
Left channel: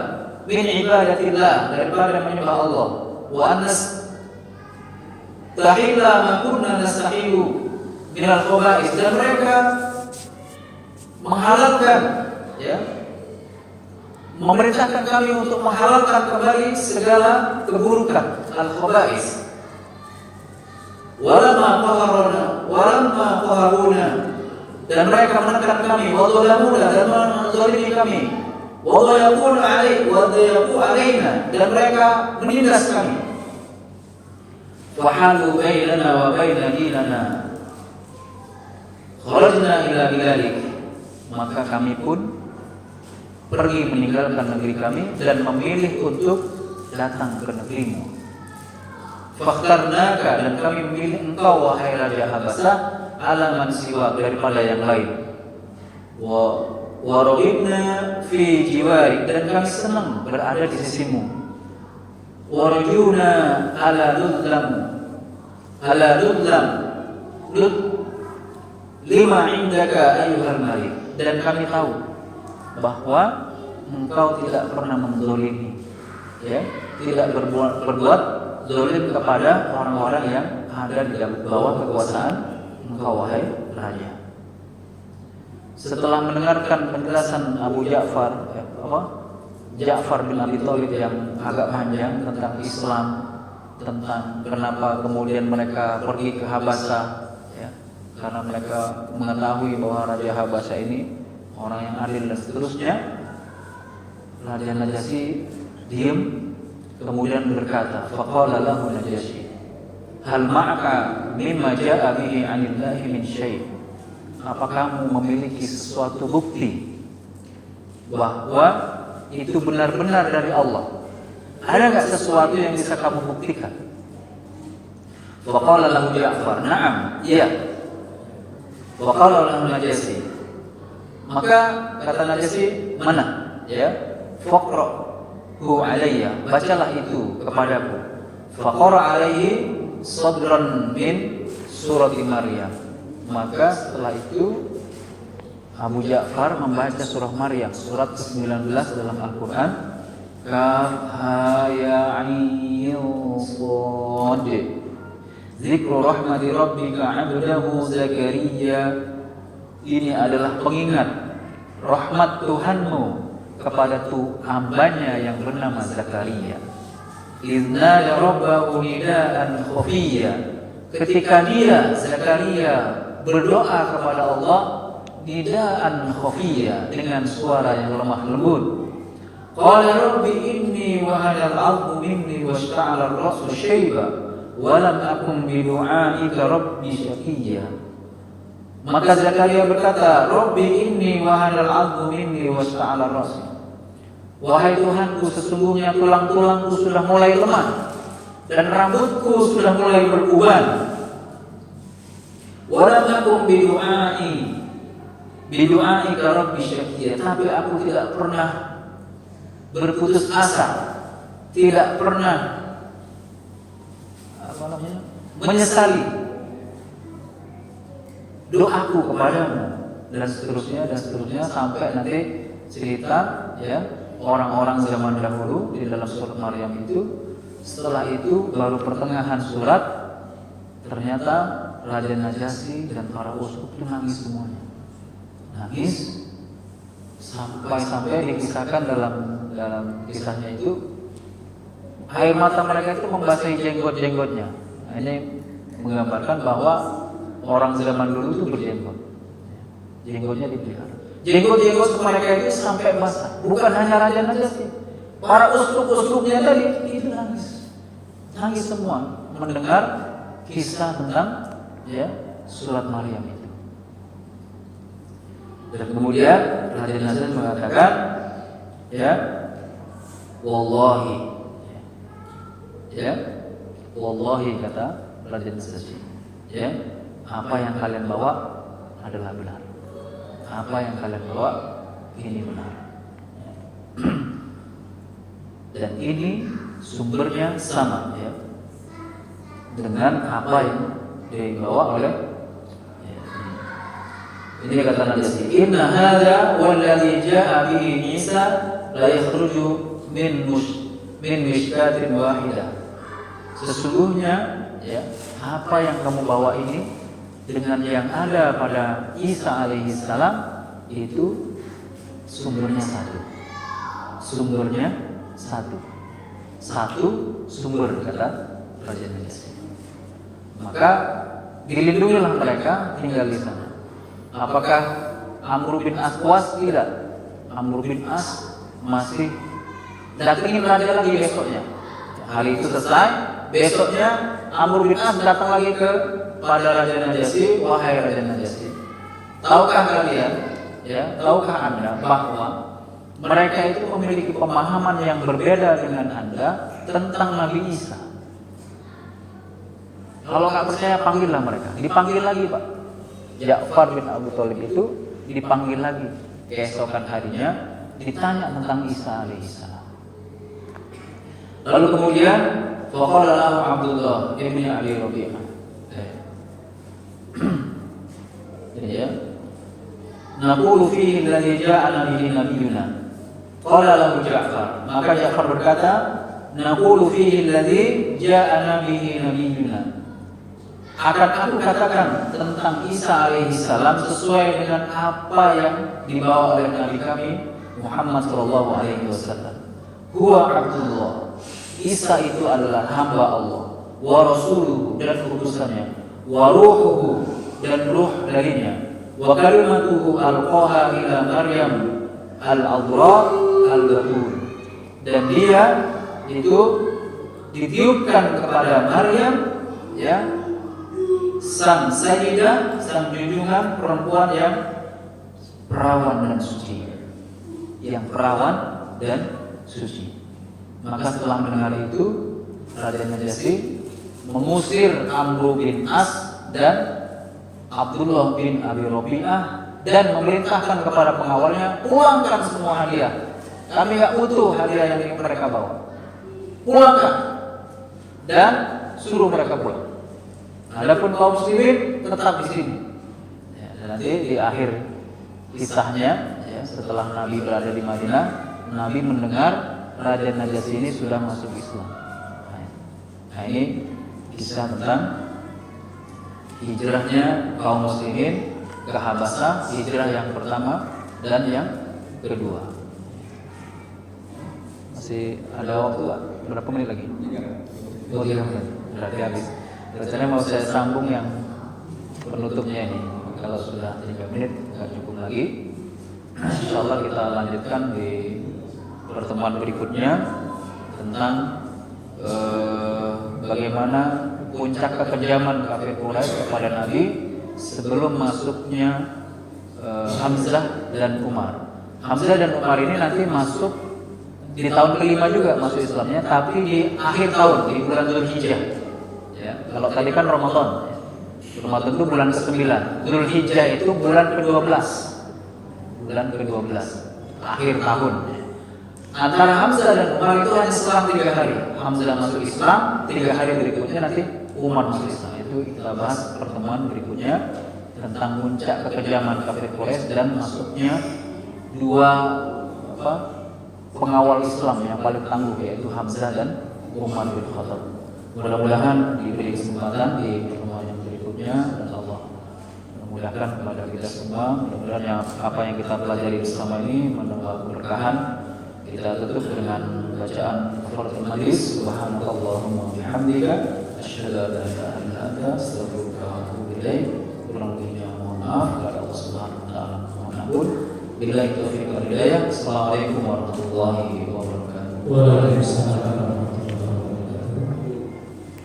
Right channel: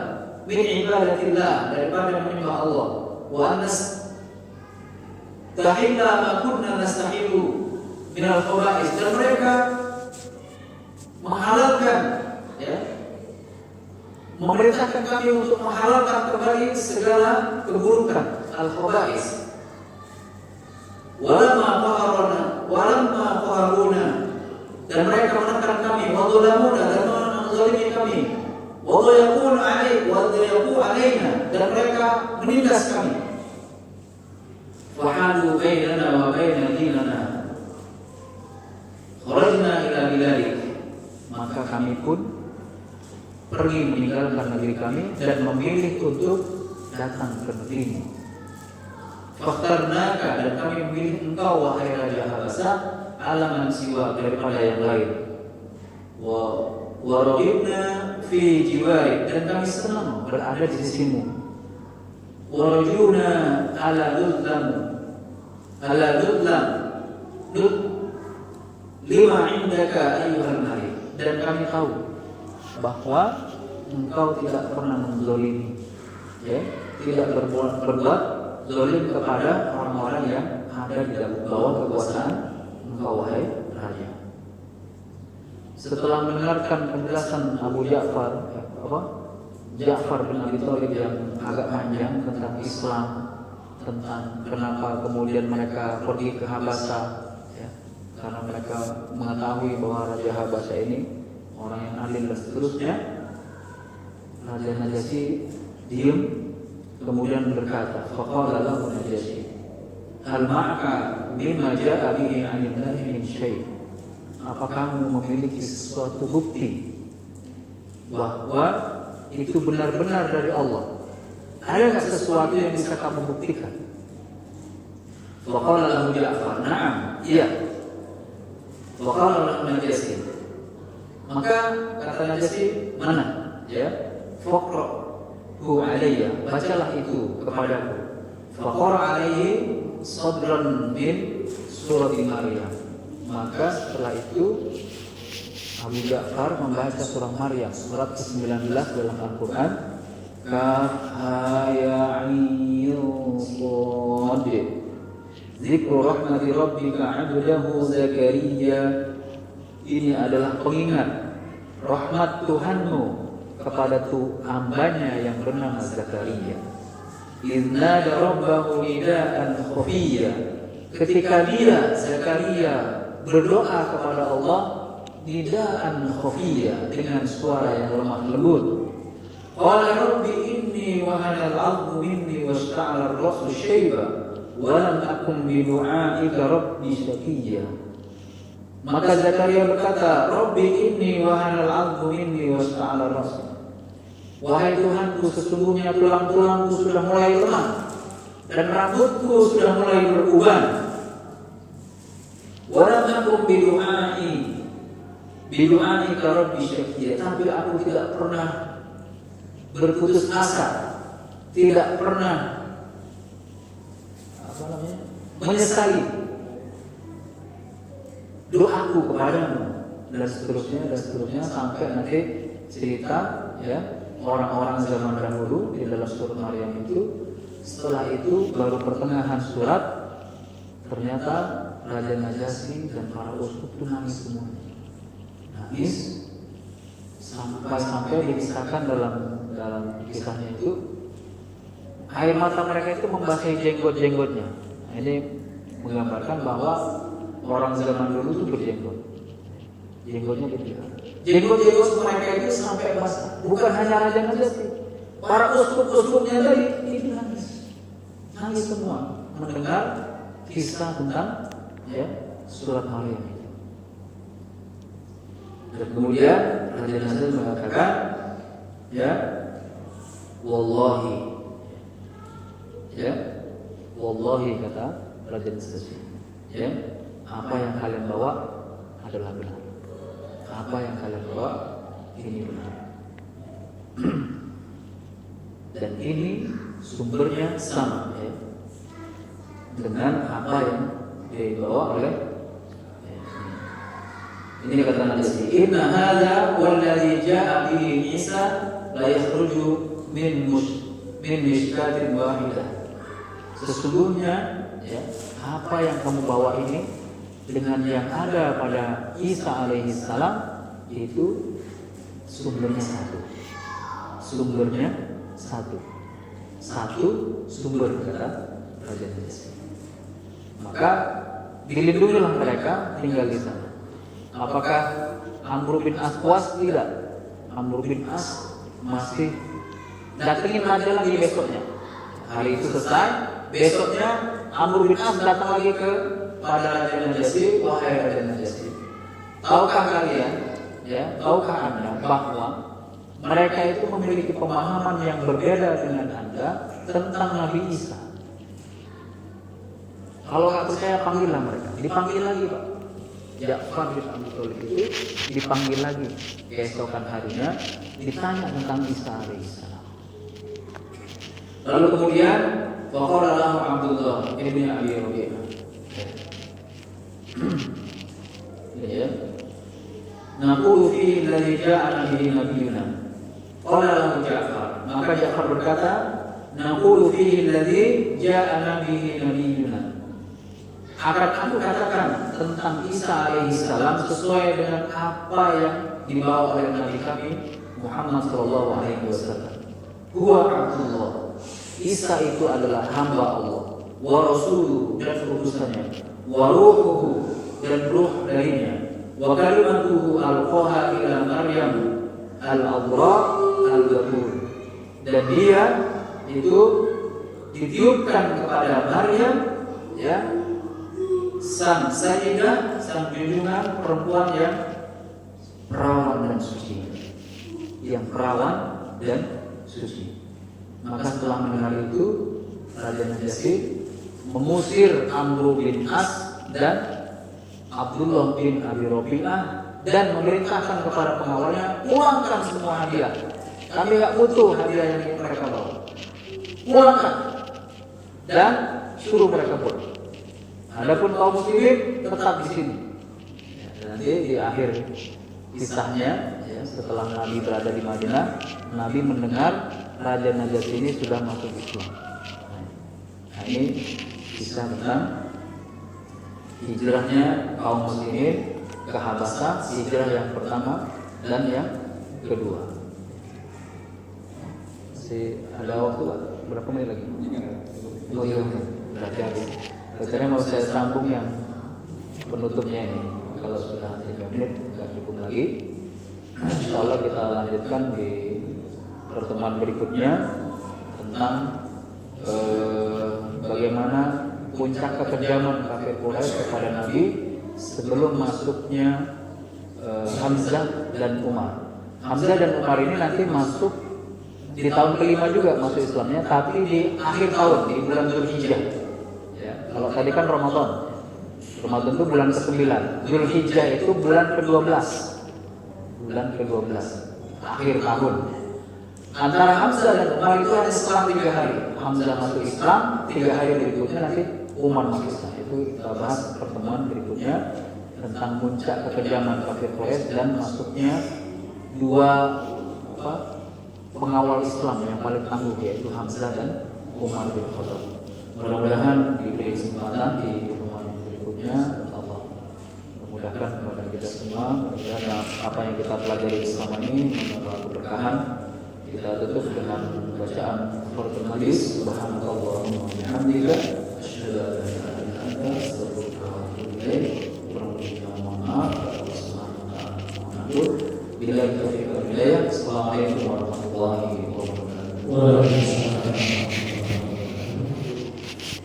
Min ibadatillah, daripada menyembah Allah. Wa anas tahilla ma kunna nastahilu minal khaba'is, dan mereka menghalalkan, ya, memerintahkan kami untuk menghalalkan kembali segala keburukan al-khaba'is. Walamma qaharuna, dan mereka menekan kami, wa dhalamuna, dan menzalimi kami, wa dhayaqu alaina, dan mereka menindas kami. Fahalu bainana wa baina dinana, kharajna ila bilalik, maka kami pun pergi meninggalkan negeri kami dan memilih untuk datang ke negerimu. Fakhtarnaka, dan kami memilih engkau wahai Raja Habasah, ala man siwa, daripada yang lain. Wa raghibna fi jiwarik, dan kami senang berada di sisimu. Wa rajuna ala dudlam lima indaka ayyuhal malik, dan kami tahu bahwa engkau tidak pernah menzalimi, ya, tidak berbuat zalim kepada orang-orang yang ada di bawah kekuasaan engkau wahai raja. Setelah mendengarkan penjelasan Abu Ja'far, Ja'far bin Abi Thalib yang agak panjang tentang Islam, tentang kenapa kemudian mereka pergi ke Habasah, ya, karena mereka mengetahui bahwa Raja Habasah ini orang yang adil dan seterusnya. Raja Najasyi diam, kemudian berkata, faqala lahu Najasyi, hal ma'aka mimma ja'a bihi 'anillahi min syai', apa kamu memiliki sesuatu bukti bahwa itu benar-benar dari Allah? Ada enggak sesuatu yang bisa kamu buktikan? Faqala lahu Ja'far, na'am, iya. Faqala lahu Najasyi, maka kata Najasyi, mana? Ya, faqra'hu alayya, bacalah itu kepadaku. Faqara alaihi sadran min surat Maryam, maka setelah itu Abu Ja'far membaca surah Maryam, surat ke-19 dalam Al-Quran. Kaf ya ayn sad, zikru rahmati rabbika 'abdahu Zakaria, ini adalah pengingat rahmat Tuhanmu kepada hambanya yang bernama Zakaria. Inna rabbahu nidaan khafiyya, ketika dia Zakaria berdoa kepada Allah nidaan khafiyya, dengan suara yang lemah lembut. Qala rabbi inni wahana al-'azmu minni washta'ala ar-ra'su shayba wa lam akun bi du'aika rabbi shaqiyya. Maka Zakaria berkata, Rabbi inni wahana al-'azmu minni washta'ala ar-ra'su, wahai Tuhanku, sesungguhnya tulang-tulangku sudah mulai lemah dan rambutku sudah mulai beruban. Wa lam akun bi du'aika rabbi shaqiyya, tapi aku tidak pernah berputus asa, tidak pernah menyesali doaku kepadamu, dan seterusnya sampai nanti cerita ya orang-orang zaman dahulu di dalam surat Maryam itu. Setelah itu baru pertengahan surat ternyata Raja Najasyi dan para uskup itu nangis semuanya, nangis sampai dikisahkan dalam kisahnya itu air mata mereka itu membasahi jenggot-jenggotnya. Ini menggambarkan bahwa orang zaman dulu itu berjenggot, jenggotnya dipelihara. Jenggot mereka itu sampai basah. Bukan hanya Raja Najasyi, para uskup-uskupnya tadi itu nangis semua mendengar kisah tentang ya surat Maryam itu. Dan kemudian Raja Najasyi mengatakan ya wallahi kata Raja Najasyi, ya apa yang kalian bawa adalah benar, apa yang kalian bawa ini benar. Dan ini sumbernya sama ya dengan apa yang dibawa oleh ini kata Najasyi, inna hadza walladzi jaa bihi Isa la yakhruju min mishkatin wahidah. Sesungguhnya ya apa yang kamu bawa ini dengan yang ada pada Isa alaihi salam itu sumbernya satu sumber kata Raja Najasyi. Maka dilindungilah mereka tinggal di sana. Apakah Amr bin As puas? Tidak. Amr bin As masih datangin raja lagi besoknya. Hari itu selesai, besoknya Amr bin As datang lagi kepada Raja Najasyi, wahai Raja Najasyi, tahukah kalian, ya, tahukah Anda bahwa mereka itu memiliki pemahaman yang berbeda dengan Anda tentang Nabi Isa. Kalau nggak percaya panggillah mereka. Dipanggil lagi Pak. Ja'far bin Abu Thalib itu dipanggil lagi. Keesokan harinya ditanya tentang Isa alaihissalam. Lalu kemudian faqala lahu Abdullah ibn Abi Rabi'ah. Ya. Naqulu fihi alladhi ja'ana bihi nabiyuna. Qala lahu Ja'far. Maka Ja'far berkata, naqulu fihi alladhi ja'ana bihi nabiyuna. Akan aku katakan tentang Isa alaihissalam sesuai dengan apa yang dibawa oleh Nabi kami Muhammad sallallahu alaihi wasallam. Huwa Abdullah. Isa itu adalah hamba Allah, wa rasuluhu dan utusannya, wa ruhuhu dan ruh darinya, wa kalimatuhu alqaha ila Maryam al-adra al-batur. Dan dia itu ditiupkan kepada Maryam ya, sang sayyidah, sang junjungan perempuan yang perawan dan suci, yang perawan dan suci. Maka setelah mendengar itu, Raja Najasyi mengusir Amr bin As dan Abdullah bin Abi Rabi'ah dan memerintahkan kepada pengawalnya, pulangkan semua hadiah. Kami nggak butuh hadiah yang mereka bawa. Pulangkan dan suruh mereka pulang. Adapun kaum muslimin tetap di sini. Ya, nanti di akhir kisahnya, ya, setelah Nabi berada di Madinah, Nabi mendengar Raja Najasyi ini sudah masuk Islam. Nah, ini kisah tentang hijrahnya kaum muslimin ke Habasyah, hijrah yang pertama dan yang kedua. Masih ada waktu berapa menit lagi? 3 menit. Berarti habis. Rencananya mau saya sambung yang penutupnya ini. Kalau sudah 3 menit nggak cukup lagi. Insyaallah kita lanjutkan di pertemuan berikutnya tentang bagaimana puncak kekejaman kafir Quraisy kepada Nabi sebelum masuknya Hamzah dan Umar. Hamzah dan Umar ini nanti masuk di tahun kelima juga masuk Islamnya, tapi di akhir tahun di bulan Dzulhijjah. Ya, kalau tadi kan Ramadan. Ramadan itu bulan ke-9. Dzulhijjah itu bulan ke-12. Bulan ke-12 akhir tahun. Antara Hamzah dan Umar itu hanya selang 3 hari. Hamzah masuk Islam, 3 hari berikutnya nanti Umar masuk Islam. Itu kita bahas pertemuan berikutnya tentang tentang puncak kekejaman kafir Quraisy dan masuknya dua pengawal Islam yang paling tangguh, yaitu Hamzah dan Umar bin Khattab. Mudah-mudahan diberi kesempatan di pertemuan yang berikutnya. Allah memudahkan kepada kita semua. Mudah-mudahan apa yang kita pelajari bersama ini membawa keberkahan. Kita tutup dengan bacaan Qur'an Majlis. Subhanallahumma wa bihamdika asyhadu an la ilaha illa anta astaghfiruka wa atubu ilaik. Kurang lebihnya mohon maaf. Allah Subhanahu wa taala. Billahi taufiq wal hidayah. Assalamualaikum warahmatullahi wabarakatuh. Waalaikumsalam.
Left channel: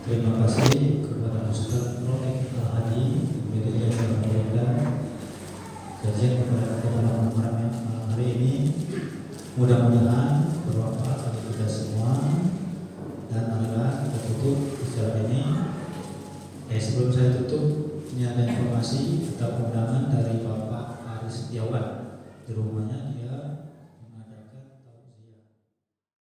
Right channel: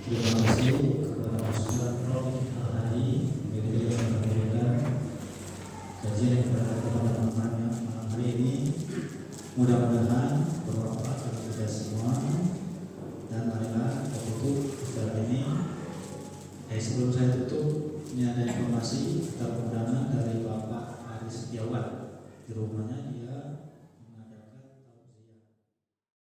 Terima kasih kepada Ustaz Rofiq Al-Hadi yang memberikan kajian kepada malam hari ini. Mudah-mudahan bermanfaat bagi kita semua. Dan marilah kita tutup acara ini. Sebelum saya tutup, ini ada informasi tentang undangan dari Bapak Ari Setiawan. Di rumahnya dia